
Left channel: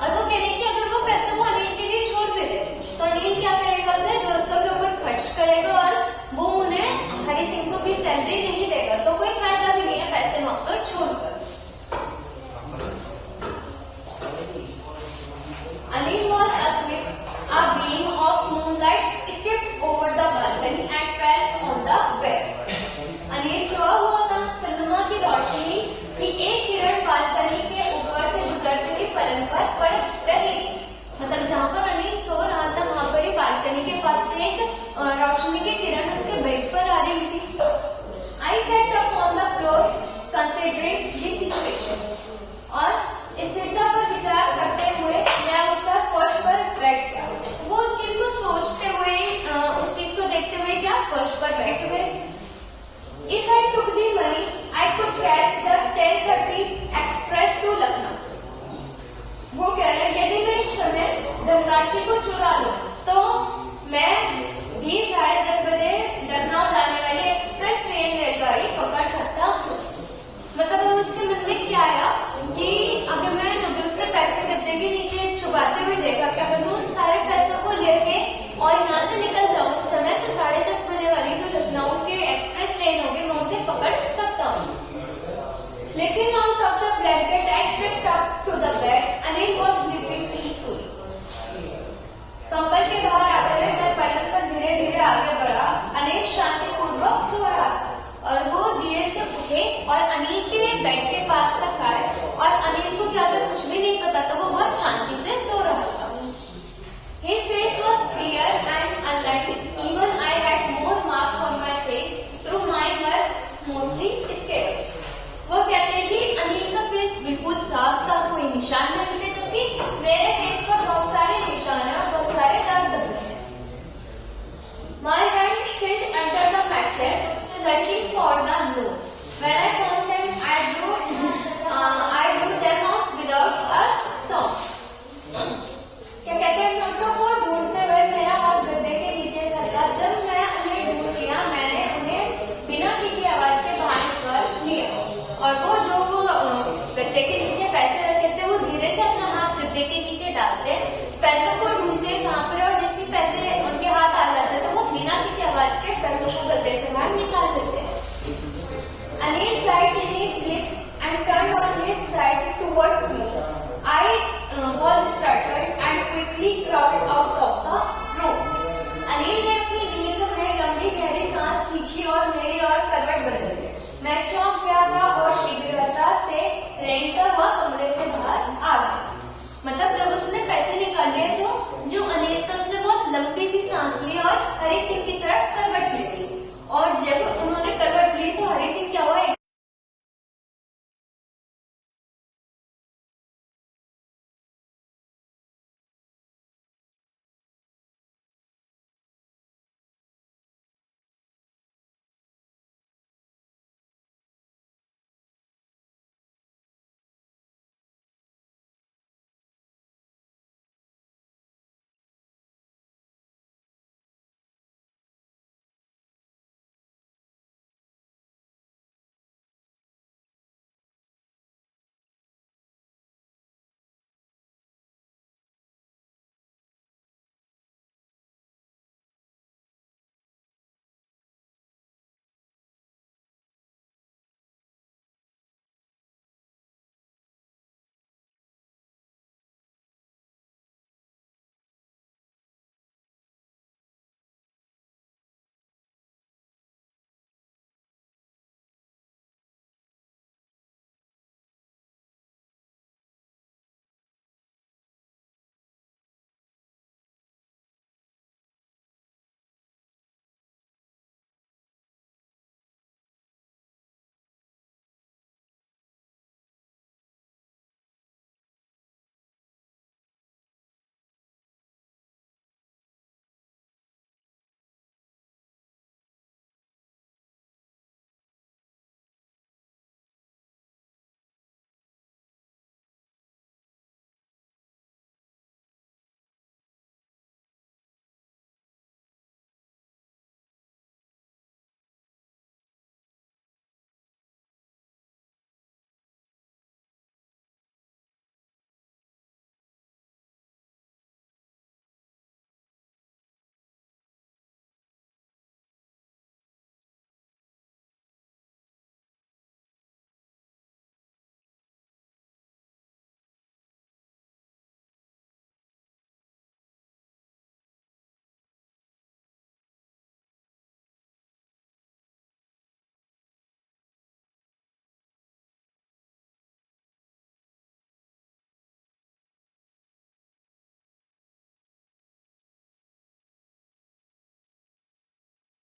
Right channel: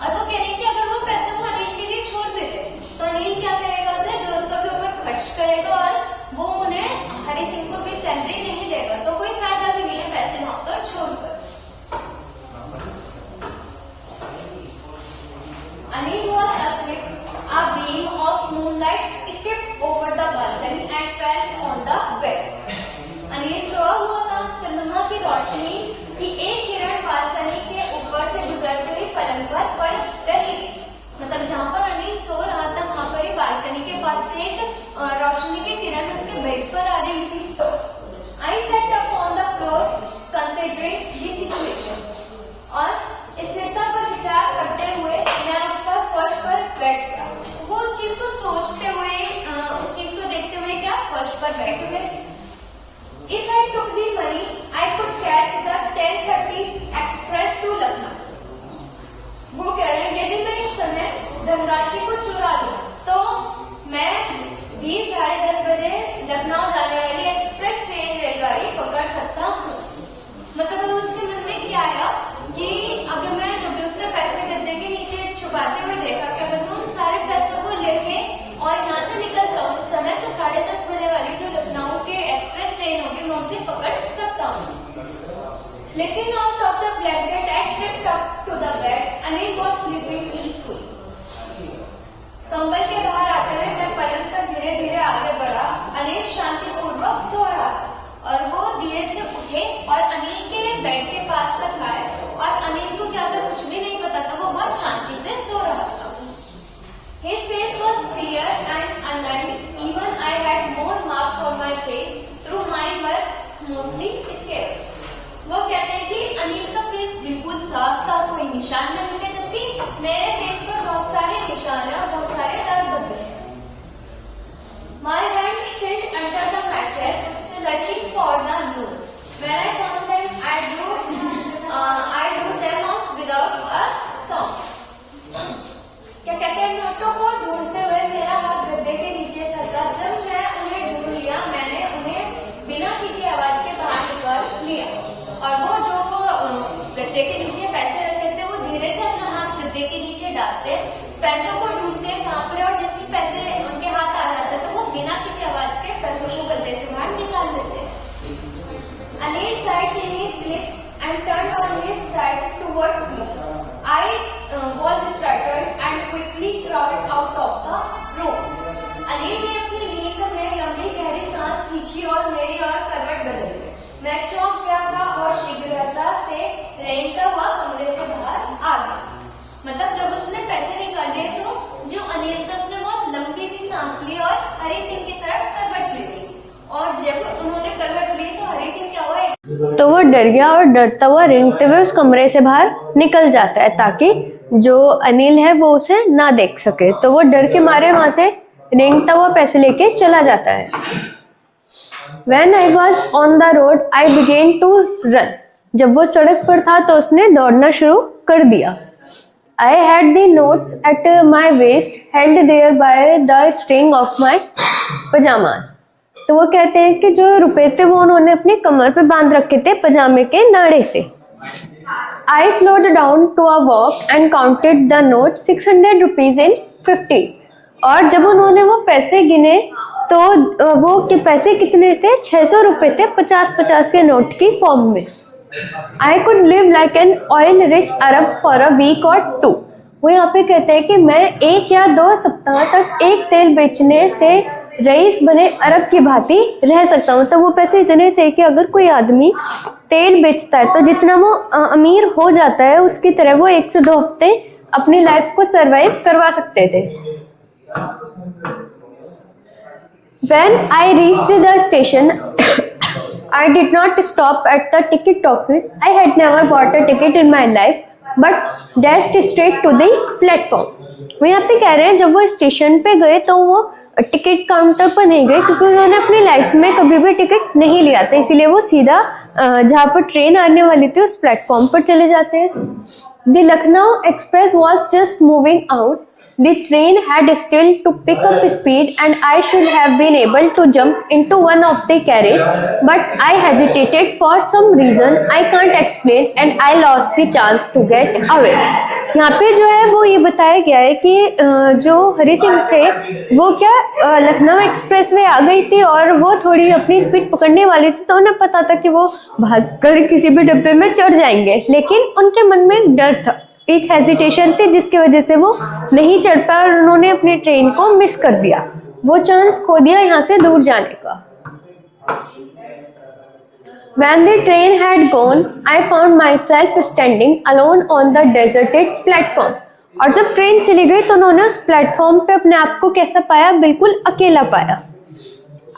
और वो कह रहे हैं कि अगर वो पैसा वो अनिल के लिए छोड़ भी दे तो अनिल क्या करेगा, उसे दोस्तों के ऊपर खर्च करेगा और वो उन्हें हरी सिंह को भी सैलरी नहीं देगा, तो कोई फायदा भी नहीं है पैसे वहां पर छोड़कर। Anil was asleep. A beam of moonlight skipped over the balcony and fell on the bed. Anil सोया हुआ था। चंद्रमा की रोशनी की एक किरण बालकनी के ऊपर से गुजरती हुई पलंग पर पड़ रही थी। मतलब जहाँ पर अनिल सो रहा था वहाँ पर ही बालकनी के पास से एक रोशनी की किरण उसके बेड पर आ रही थी। I sat up on the floor considering the situation. और स्थिरता पर विचार करते हुए मैं उठकर फर्श पर बैठ गया। वो उस चीज को सोचते हुए उस चीज को देखते हुए क्या फर्श पर बैठ गए। If I took the money, I could catch the 10:30 express to Lucknow. वो कह रहे हैं यदि मैं इस समय धनराशि को चुरा लूं तो मैं भी 10:30 बजे लखनऊ जाने वाली एक्सप्रेस ट्रेन रेलगाड़ी पकड़ सकता हूँ। मतलब उसके मन में क्या आया कि अगर मैं जो भी उसने पैसे गद्दे के नीचे छुपाते हुए देखा कि अगर मैं उन सारे पैसों को लेके और यहाँ से निकल जाऊँ इस समय तो 10:30 बजे वाली जो लखनऊ के एक्सप्रेस ट्रेन होगी मैं उसे पकड़ सकता हूँ। Slipping out of the blanket, I crept up to the bed. Anil was sleeping peacefully. कंबल के बाहर आते हुए मैं पलंग पर धीरे धीरे आगे बढ़ा। अनिल शांतिपूर्वक सो रहा था और वो धीरे से उठे और अनिल के बेड के पास तक आए और अनिल को क्या था कुछ भी नहीं पता था, वो बहुत शांति से सो रहा था। His face was clear and aligned. Even I had more marks on my face through mine were mostly scars. वो कहते हैं कि अनिल का फेस बिल्कुल साफ था, कोई निशान नहीं थे, जबकि मेरे फेस पर बहुत सारे निशान हैं और बहुत सारे दाग धब्बे हैं। My hand still under the mattress, searching for the notes. When I found them, I drew them out without a sound. क्या कहते हैं नोटों को ढूंढते हुए मेरा हाथ गद्दे के नीचे सरका। जब मैं उन्हें ढूंढ लिया मैंने उन्हें बिना किसी आवाज के बाहर निकाल लिया और वो जो गद्दे के नीचे पैसे रखे थे वो धीरे से अपना हाथ गद्दे के नीचे डालते, पैसों को ढूंढते कहाँ पर और जैसे पैसे उनके हाथ आ जाते तो वो बिना किसी आवाज के पैसों को गद्दे से बाहर निकाल लेते हैं। Anil sat in his sleep and turned on his side towards me. I was startled and quickly crawled out of the room. Anil ने अपनी नींद में लंबी गहरी सांस खींची और मेरी ओर करवट बदली। मैं चौंक गया था और शीघ्रता से रेंगता हुआ कमरे से बाहर आ गया। मतलब जब उसने पैसे निकाले तो जो अनिल था उसने बहुत लंबी सी सांस ली और हरी सिंह की तरफ करवट ली थी और जब उन्होंने करवट ली तो हरी सिंह क्या हुआ तो वो डर गया और डरता हुआ रेंगते हुए उस कमरे से बाहर निकल जाता है ताकि जो अनिल है वो उसे ना देख सके। तो वो डर के मारे वहां से रेंगता हुआ पैसे लेके चला जाता है। When I was on the road, I began to run. जब वो सड़क पर था तो उसने दौड़ना शुरू कर दिया। I had the notes at my waist, held there by the string of my pajamas. तो वो कहते हैं कि जो रुपए थे वो उन्होंने अपनी कमर पे बांध रखे थे पजामे के नाड़े से। I slowed down to a walk and counted the notes 600 rupees in 50. और जब उन्होंने वो पैसे गिने तो वो के पैसे कितने थे 600 रुपए थे 50-50 के नोट की फॉर्म में। I could live like an oil rich Arab for a week or two. वो यहाँ पे कहते हैं कि मैं 1 या 2 सप्ताह तक एक तेल बेचने से रईस बने अरब की भांति रह सकता हूँ। तो वो पैसे इतने थे कि अगर कोई आदमी तेल बेचता है तो जितना वो अमीर हो जाता है उसकी तरह वो 1 से 2 हफ्ते अपनी लाइफ को सरवाइव करवा सकते थे। When I reached the station, I did not stop at the ticket office. I had never bought a ticket in my life, but dashed straight to the platform. वो यहाँ पे कह रहे हैं जब वो स्टेशन पे गए तो वो टिकट काउंटर पर नहीं गए क्योंकि उन्होंने अपनी लाइफ में कभी भी टिकट नहीं लिया था, इसीलिए वो सीधा जहाँ पर ट्रेन आने वाली थी उस प्लेटफॉर्म पर चले जाते हैं. The Lucknow Express was just moving out. The train had still to pick up speed and I should have been able to jump into one of the carriage, but I hesitated for some reason I can't explain and I lost the chance to get away. यहाँ पे जो है वो ये बताया गया है कि जो हरी सिंह थे वो क्या लखनऊ एक्सप्रेस वे आ गई थी और वो थोड़ी अपनी स्पीड पकड़ने वाली थी, तो उन्हें पता था कि वो भागकर किसी भी डब्बे में चढ़ जाएंगे, लेकिन उनके मन में डर था, एक हेजिटेशन थी जिसकी वजह से वो नहीं चढ़ पाए और उन्होंने अपनी ट्रेन को मिस कर दिया, वो चांस खो दिया यहाँ से दूर जाने का. When the train had gone, I found myself standing alone on the deserted platform. और जब ट्रेन चली गई तो उन्होंने उस प्लेटफॉर्म पे अपने आप को कैसा पाया, बिल्कुल अकेला पाया.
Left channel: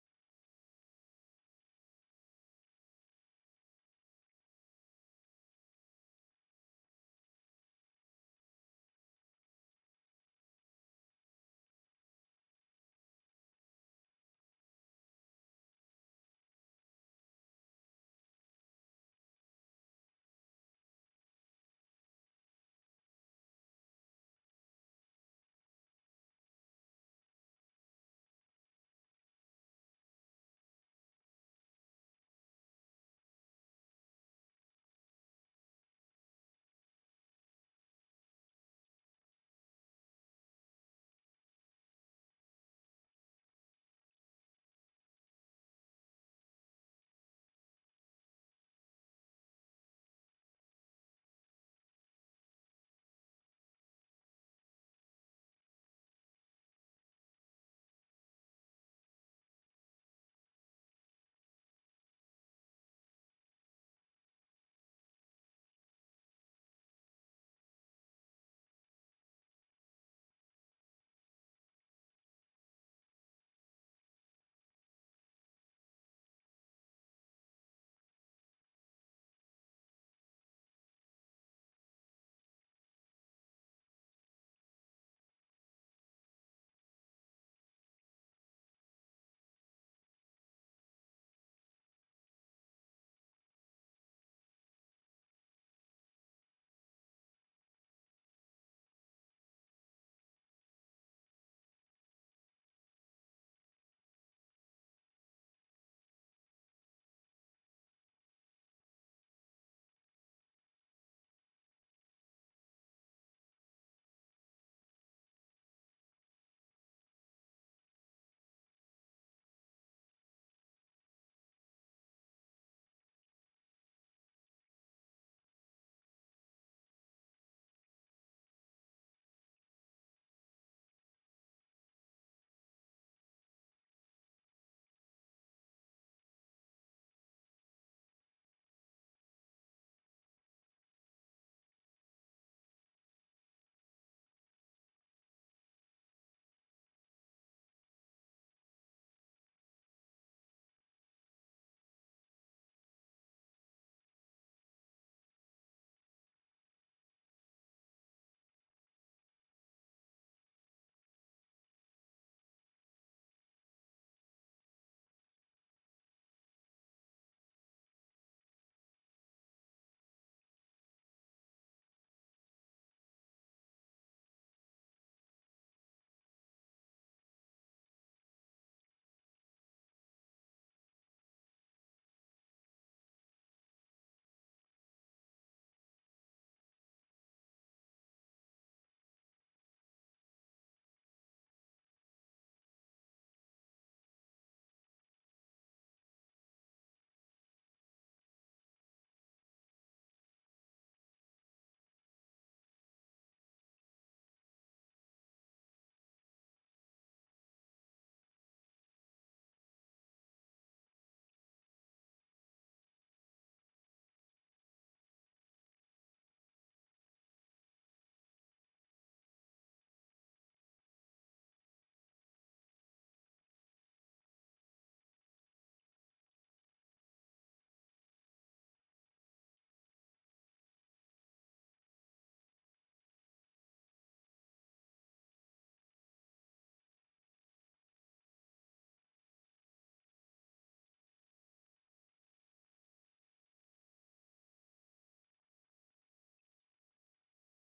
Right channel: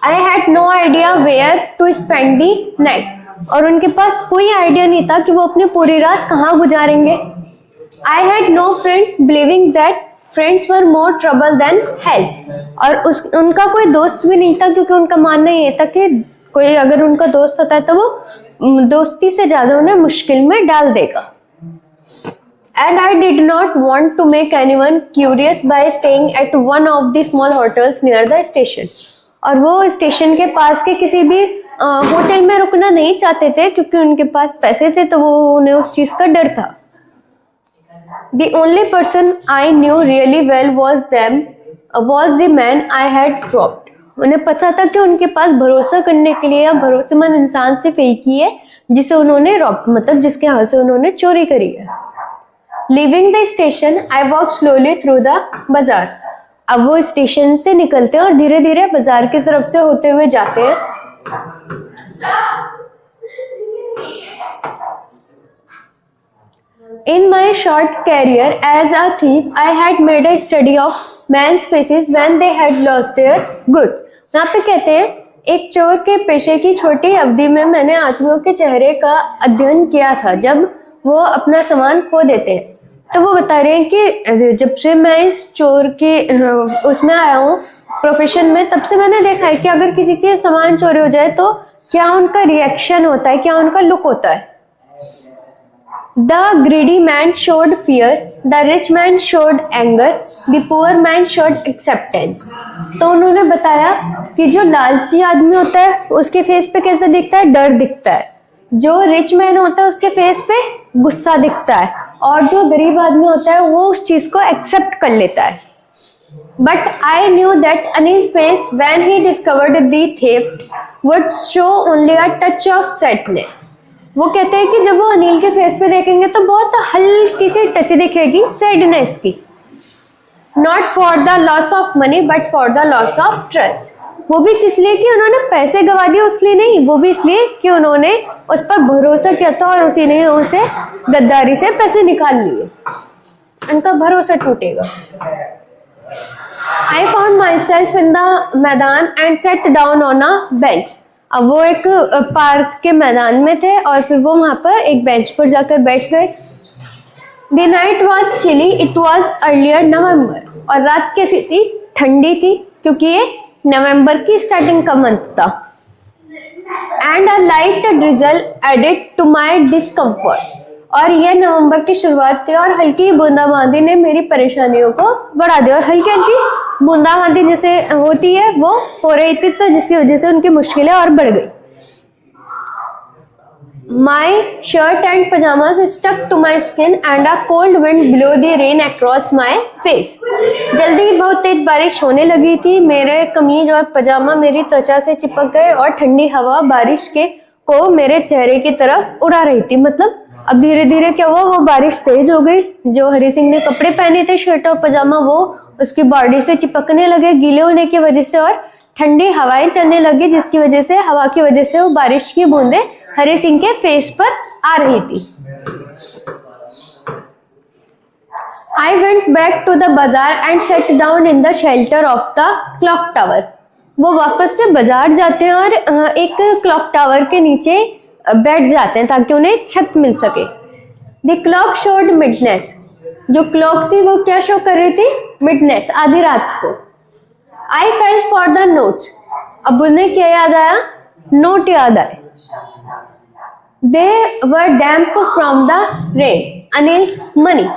I had no idea where to spend the night. और उनके पास कोई आइडिया नहीं था कि वो अपनी पूरी रात कहाँ गुजारेंगे. I had no friends, believing that friends were more trouble than help. और उनका कोई दोस्त भी नहीं था क्योंकि उनका मानना ये था कि कोई अगर उनका दोस्त होता है तो वो दोस्ती से ज्यादा उन्हें मुश्किल में डाल देगा. And I did not want to make anyone curious by staying at one of the small hotels near the station. और वो स्टेशन के पास के किसी भी होटल में रुकना नहीं चाहते थे क्योंकि उनके पास पैसे थे, तो वो उन्हें उस चीज का डर था. The only person I knew really well was the man I had robbed. उन्हें पता था कि उनके पास भरोसा करने के लिए या भरोसेमंद इंसान सिर्फ एक ही है जिसे उन्होंने रॉब, मतलब जिसके हाथ से उन्होंने चोरी करी है. Leaving the station, I walked slowly through the bazaar. अब वो स्टेशन से निकलते हैं और धीरे धीरे बाजार की तरफ से होते हुए जाते हैं. In my short career as a thief, I had made a study of men's faces when they had lost their goods. यहाँ पे कहते हैं एक चोर के पेशे की छोटी अवधि में मैंने आदमियों के चेहरे का अध्ययन किया था जब वो अपना सामान खो देते हैं. तो वो बता रहे हैं कि जब से मैं इस चोर के उसमें आया हूँ प्रोफेशन में, तब से मैंने देखा है कि अगर किसी के सामान चोरी हो जाए तो क्या उनका रिएक्शन होता है, क्या उनका लुक होता है. The greedy man showed fear, the rich man showed anger, the poor man showed acceptance. तो उन्होंने बताया कि जो लालची आदमी होता है उसके फेस पे कैसा दिखता है, डर दिखता है. जो रिच मैन होता है उसके फेस पे गुस्सा दिखता है, और जो गरीब आदमी होता है वो उस चीज को एक्सेप्ट कर लेता है. But I knew that Anil's face when he discovered the theft would show only a touch of sadness. वो कहते हैं कि जब वो अनिल के फेस पे देखेंगे तो बहुत हल्की सी टच दिखेगी सैडनेस की. Not for the loss of money but for the loss of trust. वो भी किस लिए कि उन्होंने पैसे गवा दिए उसलिए नहीं, वो भी इसलिए कि उन्होंने उस पर भरोसा किया था और उसी ने उसे गद्दारी से पैसे निकाल लिए. उनका भरोसा टूटेगा. I found myself in the मैदान and sat down on a bench. अब वो एक पार्क के मैदान में थे और फिर वो वहां पर एक बेंच पर जाकर बैठ गए. The night was chilly, it was earlier November. और रात कैसी थी, ठंडी थी क्योंकि ये नवंबर की स्टार्टिंग का मंथ था. And a light drizzle added to my discomfort. और यह नवंबर की शुरुआत थी और हल्की बूंदाबांदी ने मेरी परेशानियों को बढ़ा दिया. और हल्की हल्की बूंदाबांदी जैसे होती है वो हो रही थी, तो जिसकी वजह से उनकी मुश्किलें और बढ़ गई. My shirt and pajamas stuck to my skin and a cold wind blew the rain across my face. जल्दी ही बहुत तेज बारिश होने लगी थी. मेरे कमीज और पजामा मेरी त्वचा से चिपक गए और ठंडी हवा बारिश के को मेरे चेहरे की तरफ उड़ा रही थी. मतलब अब धीरे धीरे क्या हुआ, वो बारिश तेज हो गई. जो हरी सिंह ने कपड़े पहने थे शर्ट और पजामा वो उसकी बॉडी से चिपकने लगे गीले होने की वजह से, और ठंडी हवाएं चलने लगी जिसकी वजह से हवा की वजह से वो बारिश की बूंदें हरी सिंह के फेस पर आ रही थी. I went back to the bazaar and sat down in the shelter of the clock tower. वो वापस से बाजार जाते हैं और एक क्लॉक टावर के नीचे बैठ जाते हैं ताकि उन्हें छत मिल सके। द क्लॉक शोड मिडनेस, जो क्लॉक थी वो क्या शो कर रही थी? मिडनेस, आधी रात को। I felt for the notes, अब उन्हें क्या याद आया? नोट याद आए। They were damp from the rain, अनिल्स मनी,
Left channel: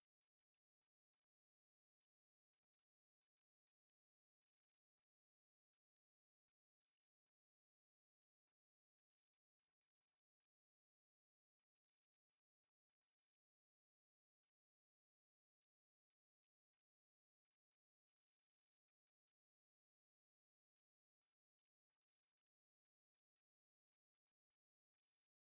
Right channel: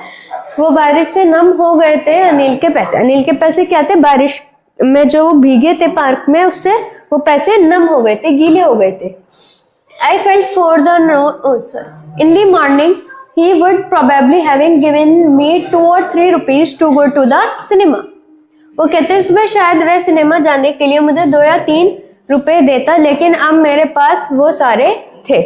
वो बारिश से नम हो गए थे अनिल के पैसे। अनिल के पैसे क्या थे? बारिश में जो भीगे थे पार्क में, उससे वो पैसे नम हो गए थे, गीले हो गए थे। I felt for the in the morning he would probably having given me 2 or 3 rupees to go to the cinema. वो कहते हैं सुबह शायद वह सिनेमा जाने के लिए मुझे 2 या 3 रुपए देता, लेकिन अब मेरे पास वो सारे थे।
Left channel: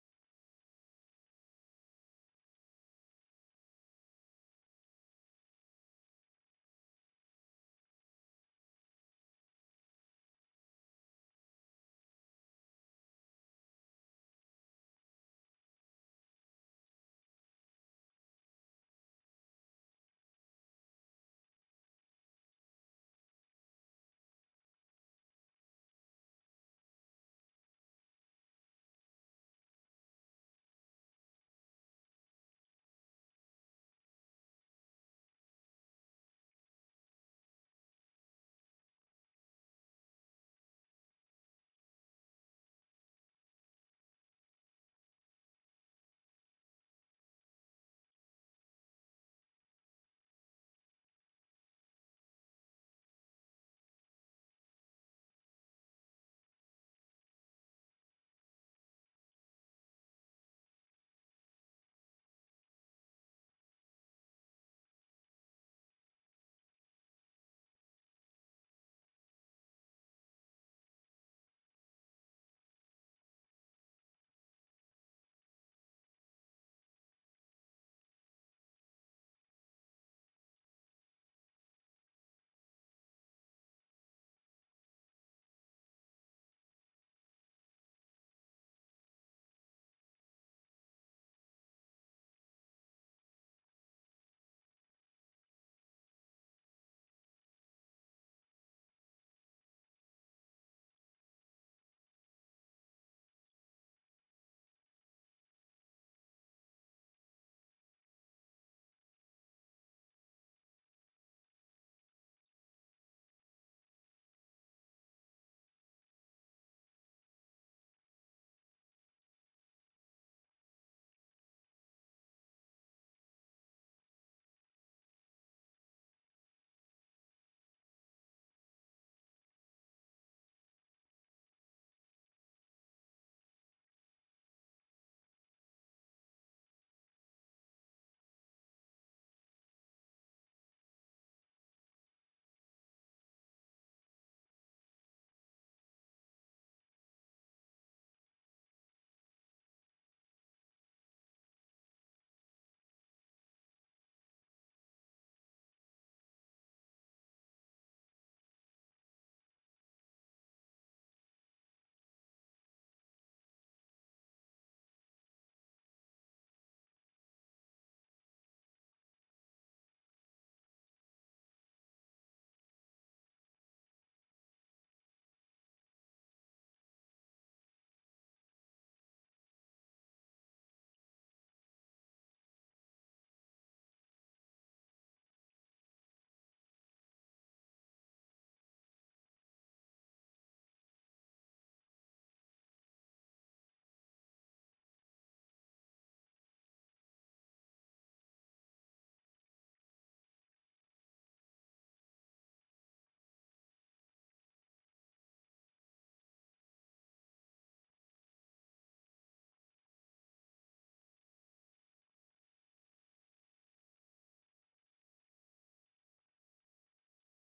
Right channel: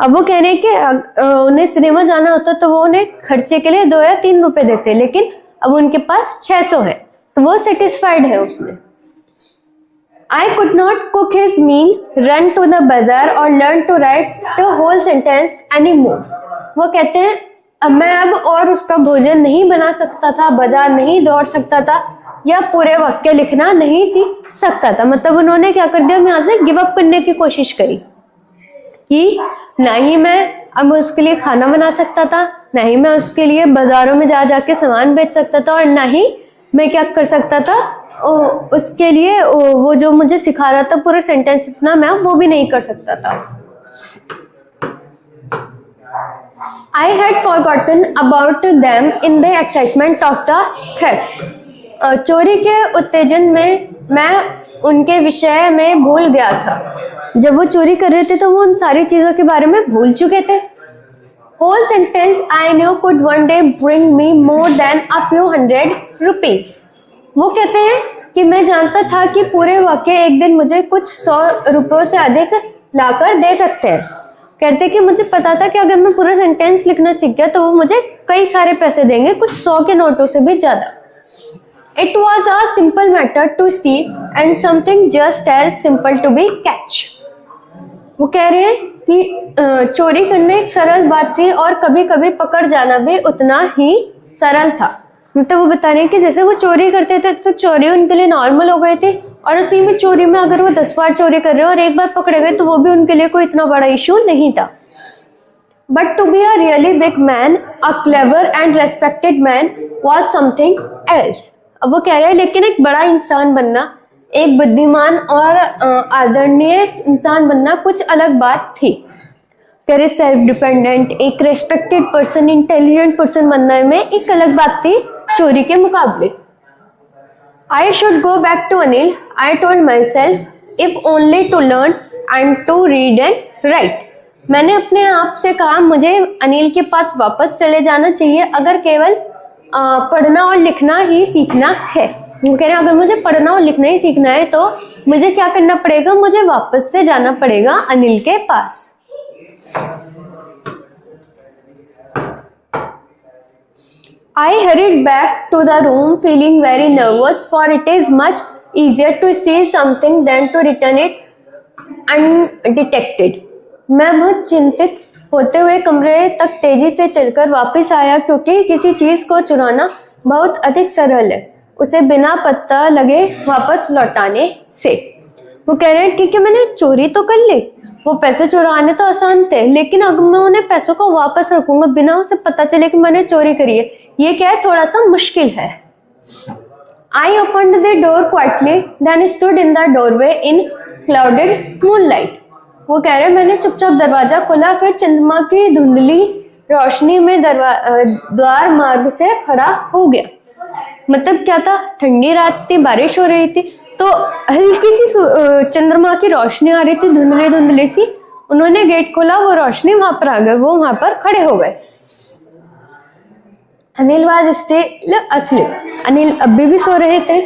अब वो कह रहे हैं कि उन्हें सिनेमा जाना होता तो वो उन्हें खर्चे के लिए 2 या 3 रुपए देते, लेकिन अब उनके पास 600 है, तो वो सेटिस्फाइड है उसमें। I could not cook his meal, run to the bazaar or learn to write the whole sentence anymore. वो कहते हैं अब मैं अब और उसका भोजन नहीं बना सकता था, बाजार नहीं दौड़ सकता था, या पूरे वाक्य लिखना नहीं सीख सकता था। मतलब उन्होंने क्या कर दिया, यहाँ से गिव अप करने की कोशिश करी कि ना ही मैं अब उसके लिए खाना बना सकता था, ना ही मैं उसके लिए बाजारों में जा जाके सामान बेच सकता था, और ना ही मैं क्या कर सकता था उसके लिए वो जो मुझे सिखा रहा था पूरा सेंटेंस इतना मैं वो भी नहीं कर सकता था। I had forgotten about them in the excitement of the theft. चोरी के उत्तेजन में मैं उनके विषय में भूल गया था। जब वो चोरी कर रहे थे तो वो उन सारी चीजों के बारे में भूल चुके थे। Whole sentence I knew could one day bring me more than a few hundred rupees. वो कहते हैं कि मैं जानता था कि पूरे वाक्य एक दिन मुझे कुछ 100 रुपयों से अधिक लाकर दे सकते हैं। कहते कि मुझे पता था कि अगर मैं पूरा सेंटेंस लिखना सीख गया तो वो मुझे कई सारे पैसे देंगे, कुछ 100 के नोटों से भी ज्यादा। It was a simple matter to steal and something just as simple to be catch. वो कह रहे हैं कि चोरी करना एक सरल बात थी और कभी कभी पकड़ जाना भी उतना ही सरल था। मतलब वो बता रहे हैं कि जैसे वो चोरी करते थे तो चोरी उनके लिए नॉर्मल हो गई थी, और उसी में चोरी में अगर वो 10 बार चोरी कर रहे हैं और एक बार पकड़े गए तो वो भी उनके लिए कोई इतना बड़ा इशू नहीं था। But to be a really big man, a clever and respected man was something else. अब वो कह रहे हैं लेकिन एक बड़ा इंसान बनना, एक बुद्धिमान और आदरणीय इंसान बनना कुछ अलग बात थी। कह रहे सेल्फ डिपेंडेंट, एक रेस्पेक्टेड पर्सन, इंटेलिजेंट पर्सन बनने में एक अलग बात थी चोरी के मुकाबले। I should go back to Anil, I told myself, if only to learn and to read and write. मैंने अपने आप से कहा मुझे अनिल के पास वापस चले जाना चाहिए अगर केवल पढ़ना और लिखना ही सीखना है। वो कह रहे हैं अगर मुझे पढ़ना और लिखना ही सीखना है तो मुझे क्या करना पड़ेगा, मुझे वापस से जाना पड़ेगा अनिल के पास। I hurried back to the room feeling very nervous, for it is much easier to steal something than to return it undetected. मैं बहुत चिंतित होते हुए कमरे तक तेजी से चलकर वापस आया क्योंकि किसी चीज को चुराना बहुत अधिक सरल है उसे बिना पता लगे वापस लौटाने से। वो कह रहे हैं क्योंकि मैंने चोरी तो कर ली, वो पैसे चुराने तो आसान थे, लेकिन अगर मैं उन्हें पैसों को वापस रखूंगा बिना उसे पता चले कि मैंने चोरी करी है, ये क्या है, थोड़ा सा मुश्किल है। I opened the door quietly, then stood in the doorway in clouded moonlight. वो कह रहे हैं मैंने चुपचाप दरवाजा खोला, फिर चंद्रमा की धुंधली रोशनी में द्वार मार्ग से खड़ा हो गया। मतलब क्या था, ठंडी रात थी, बारिश हो रही थी, तो हल्की सी चंद्रमा की रोशनी आ रही थी, धुंधली धुंधली सी। उन्होंने गेट खोला, वो रोशनी वहां पर आ गई, वो वहां पर खड़े हो गए। Anil was still asleep. Anil अभी भी सो रहे थे।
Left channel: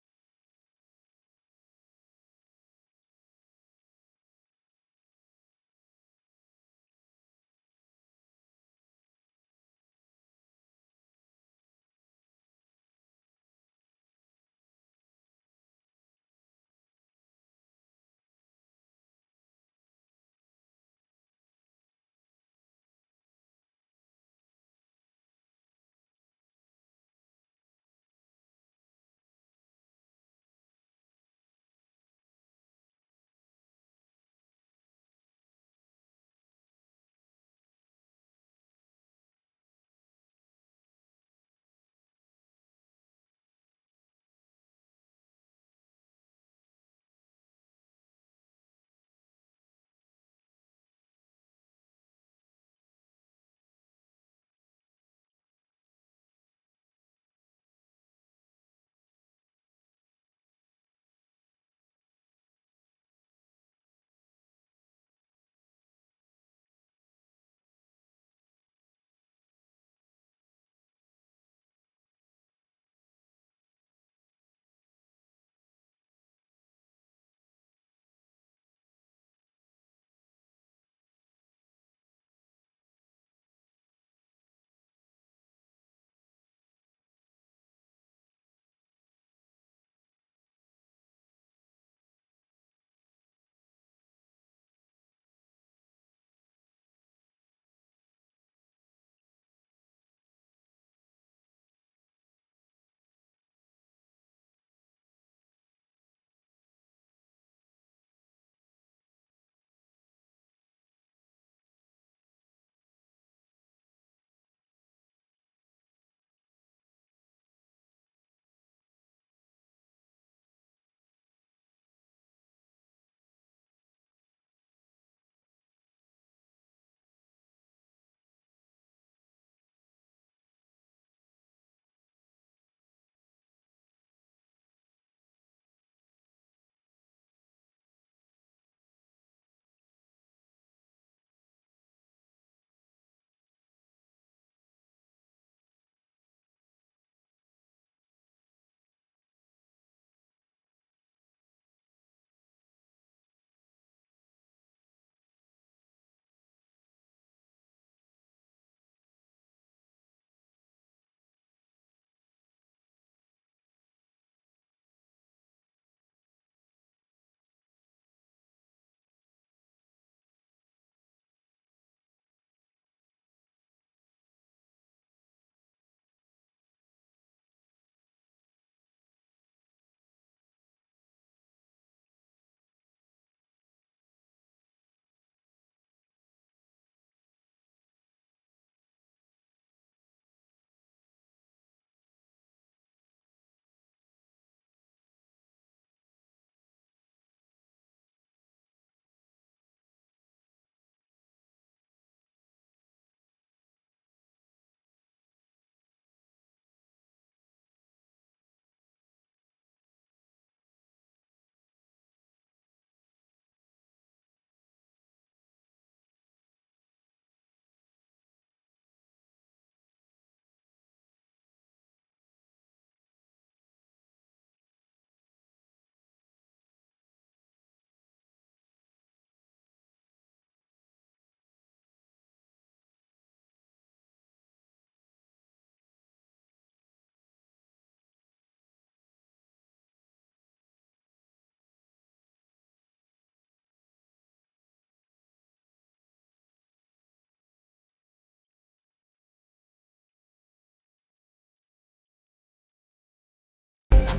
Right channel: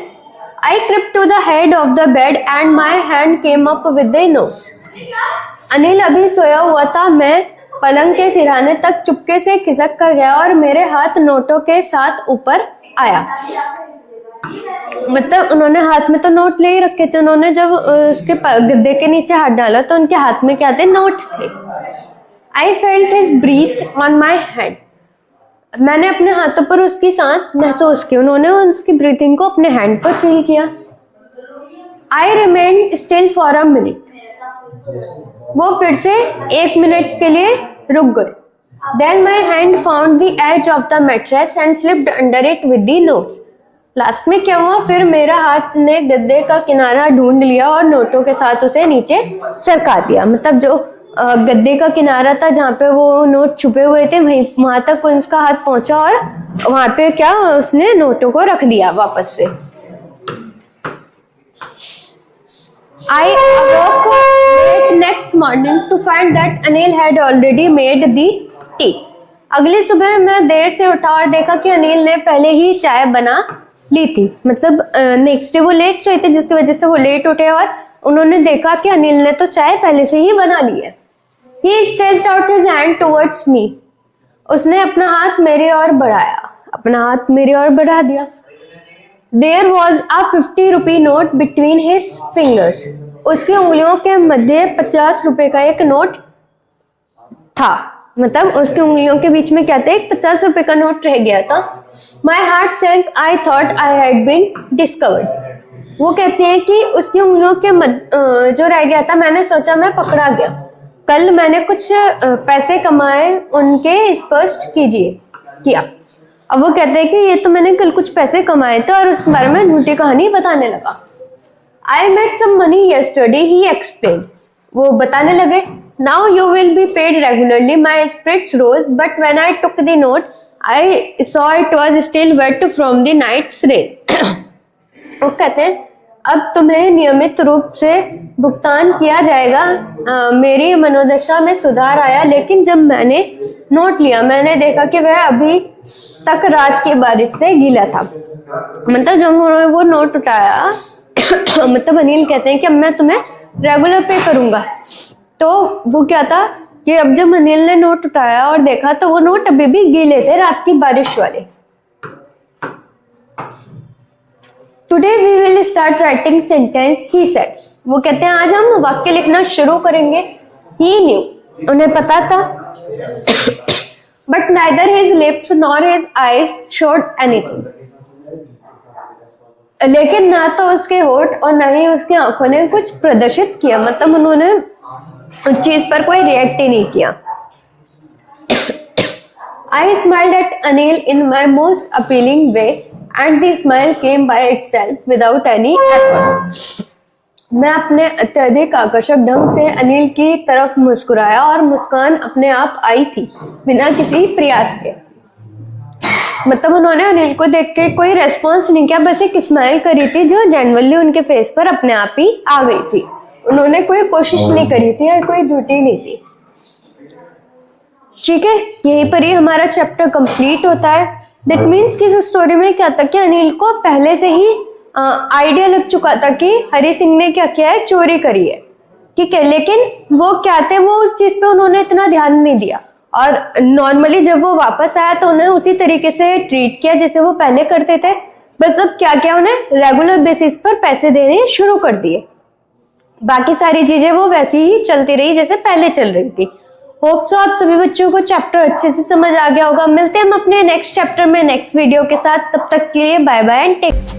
I crept to the head of the bed and my hand came up with the notes. Anil अभी सोया हुआ था, मैं पलंग के सिरहाने तक चुपके से खिसक कर गया और मेरे हाथ नोटों के साथ ऊपर आया। मतलब उन्होंने हाथ में तो नोट ले ही रखे थे, उन्होंने जब उसके गद्दे के नीचे हाथ डाला तो उनके हाथ में क्या थे, नोट थे। I felt his breath on my hand. मैंने अपने हाथों पर उसकी सांस महसूस की, उन्होंने उसकी ब्रीथिंग को अपने हैंड पर फील किया। I remain still for a minute, वो फिर से 1 मिनट के लिए रुक गए। Then my hand found the edge of the mattress and slipped under it with the notes. Last में क्या हुआ, फिर मेरा हाथ ने गद्दे का किनारा ढूंढ लिया और नोटों के साथ उसे नीचे सरका दिया। मतलब जो गद्दे का किनारा था जहाँ पे वो नोट छुपे हुए थे, वहां तक उसका हाथ पहुंचा और वहां पे क्या उसने नोटों को रख दिया वापस से। I awoke late next morning to find that Anil had already made the tea. अगली सुबह मैं देर से उठा और देखा कि अनिल ने पहले ही चाय बना ली थी। मतलब नेक्स्ट डे वो लेट सोए थे जिसकी वजह से वो लेट उठे और उन्होंने देखा कि अनिल ने तो चाय पहले से ही बना ली है। He stretched out his hand towards me. उसने अपना हाथ मेरे ओर बढ़ाया, अपना हाथ मेरे ओर बढ़ा दिया। There was a 50 rupee note between his fingers. उसकी उंगलियों के मध्य 50 रुपए का एक नोट था। मतलब उसकी उंगलियों के बीच में क्या था, एक 50 रुपए का नोट रह गया था। My heart sank. I thought I had been discovered. वो कहते हैं कि उसकी उंगलियों के जो रह गया था, मैंने सोचा मैं पकड़ा गया। कल मैंने कुछ पैसे कमाए, उनके स्पष्ट किया। अब वो कहते हैं कि ये तो मैंने कल कुछ पैसे कमाए थे और उसके बारे में झूठी कहानी बताने लगा। I made some money yesterday, he explained. वो बताने लगे, now you will be paid regularly. My spirits rose, but when I took the note, I saw it was still wet from the night's rain. वो कहते हैं अब तुम्हें नियमित रूप से भुगतान किया जाएगा। मेरी मनोदशा में सुधार आया, लेकिन जब मैंने नोट लिया मैंने देखा कि वह अभी तक रात की बारिश से गीला था। मतलब जब उन्होंने वो नोट उठाया मतलब अनिल कहते हैं कि अब मैं तुम्हें रेगुलर पे करूंगा। तो वो क्या था कि अब जब अनिल ने नोट उठाया और देखा तो वो नोट अभी भी गीले थे, रात की बारिश वाले। Today we will start writing sentence, he said. वो कहते हैं आज हम वाक्य लिखना शुरू करेंगे। ही न्यू, उन्हें पता था। But neither his lips nor his eyes showed anything. लेकिन ना तो उसके होठ और ना ही उसकी आंखों ने कुछ प्रदर्शित किया। मतलब उन्होंने उस चीज पर कोई रिएक्ट ही नहीं किया। I smiled at Anil in my most appealing way and the smile came by itself without any effort. मैं अपने अत्यधिक आकर्षक ढंग से अनिल की तरफ मुस्कुराया और मुस्कान अपने आप आई थी बिना किसी प्रयास के। मतलब उन्होंने अनिल को देख के कोई रेस्पॉन्स नहीं किया, बस एक स्माइल करी थी जो जेन्युइनली उनके फेस पर अपने आप ही आ गई थी। उन्होंने कोई कोशिश नहीं करी थी या कोई झूठी नहीं थी। ठीक है, यहीं पर ही हमारा चैप्टर कंप्लीट होता है। दैट मीन्स कि इस स्टोरी में क्या था कि अनिल को पहले से ही आइडिया लग चुका था कि हरि सिंह ने क्या किया है, चोरी करी है। ठीक है, लेकिन वो क्या थे, वो उस चीज पे उन्होंने इतना ध्यान नहीं दिया और नॉर्मली जब वो वापस आया तो उन्हें उसी तरीके से ट्रीट किया जैसे वो पहले करते थे। बस अब क्या क्या उन्हें रेगुलर बेसिस पर पैसे देने शुरू कर दिए। बाकी सारी चीजें वो वैसी ही चलती रही जैसे पहले चल रही थी। होप सो आप सभी बच्चों को चैप्टर अच्छे से समझ आ गया होगा। मिलते हैं हम अपने नेक्स्ट चैप्टर में नेक्स्ट वीडियो के साथ। तब तक के लिए बाय बाय एंड टेक।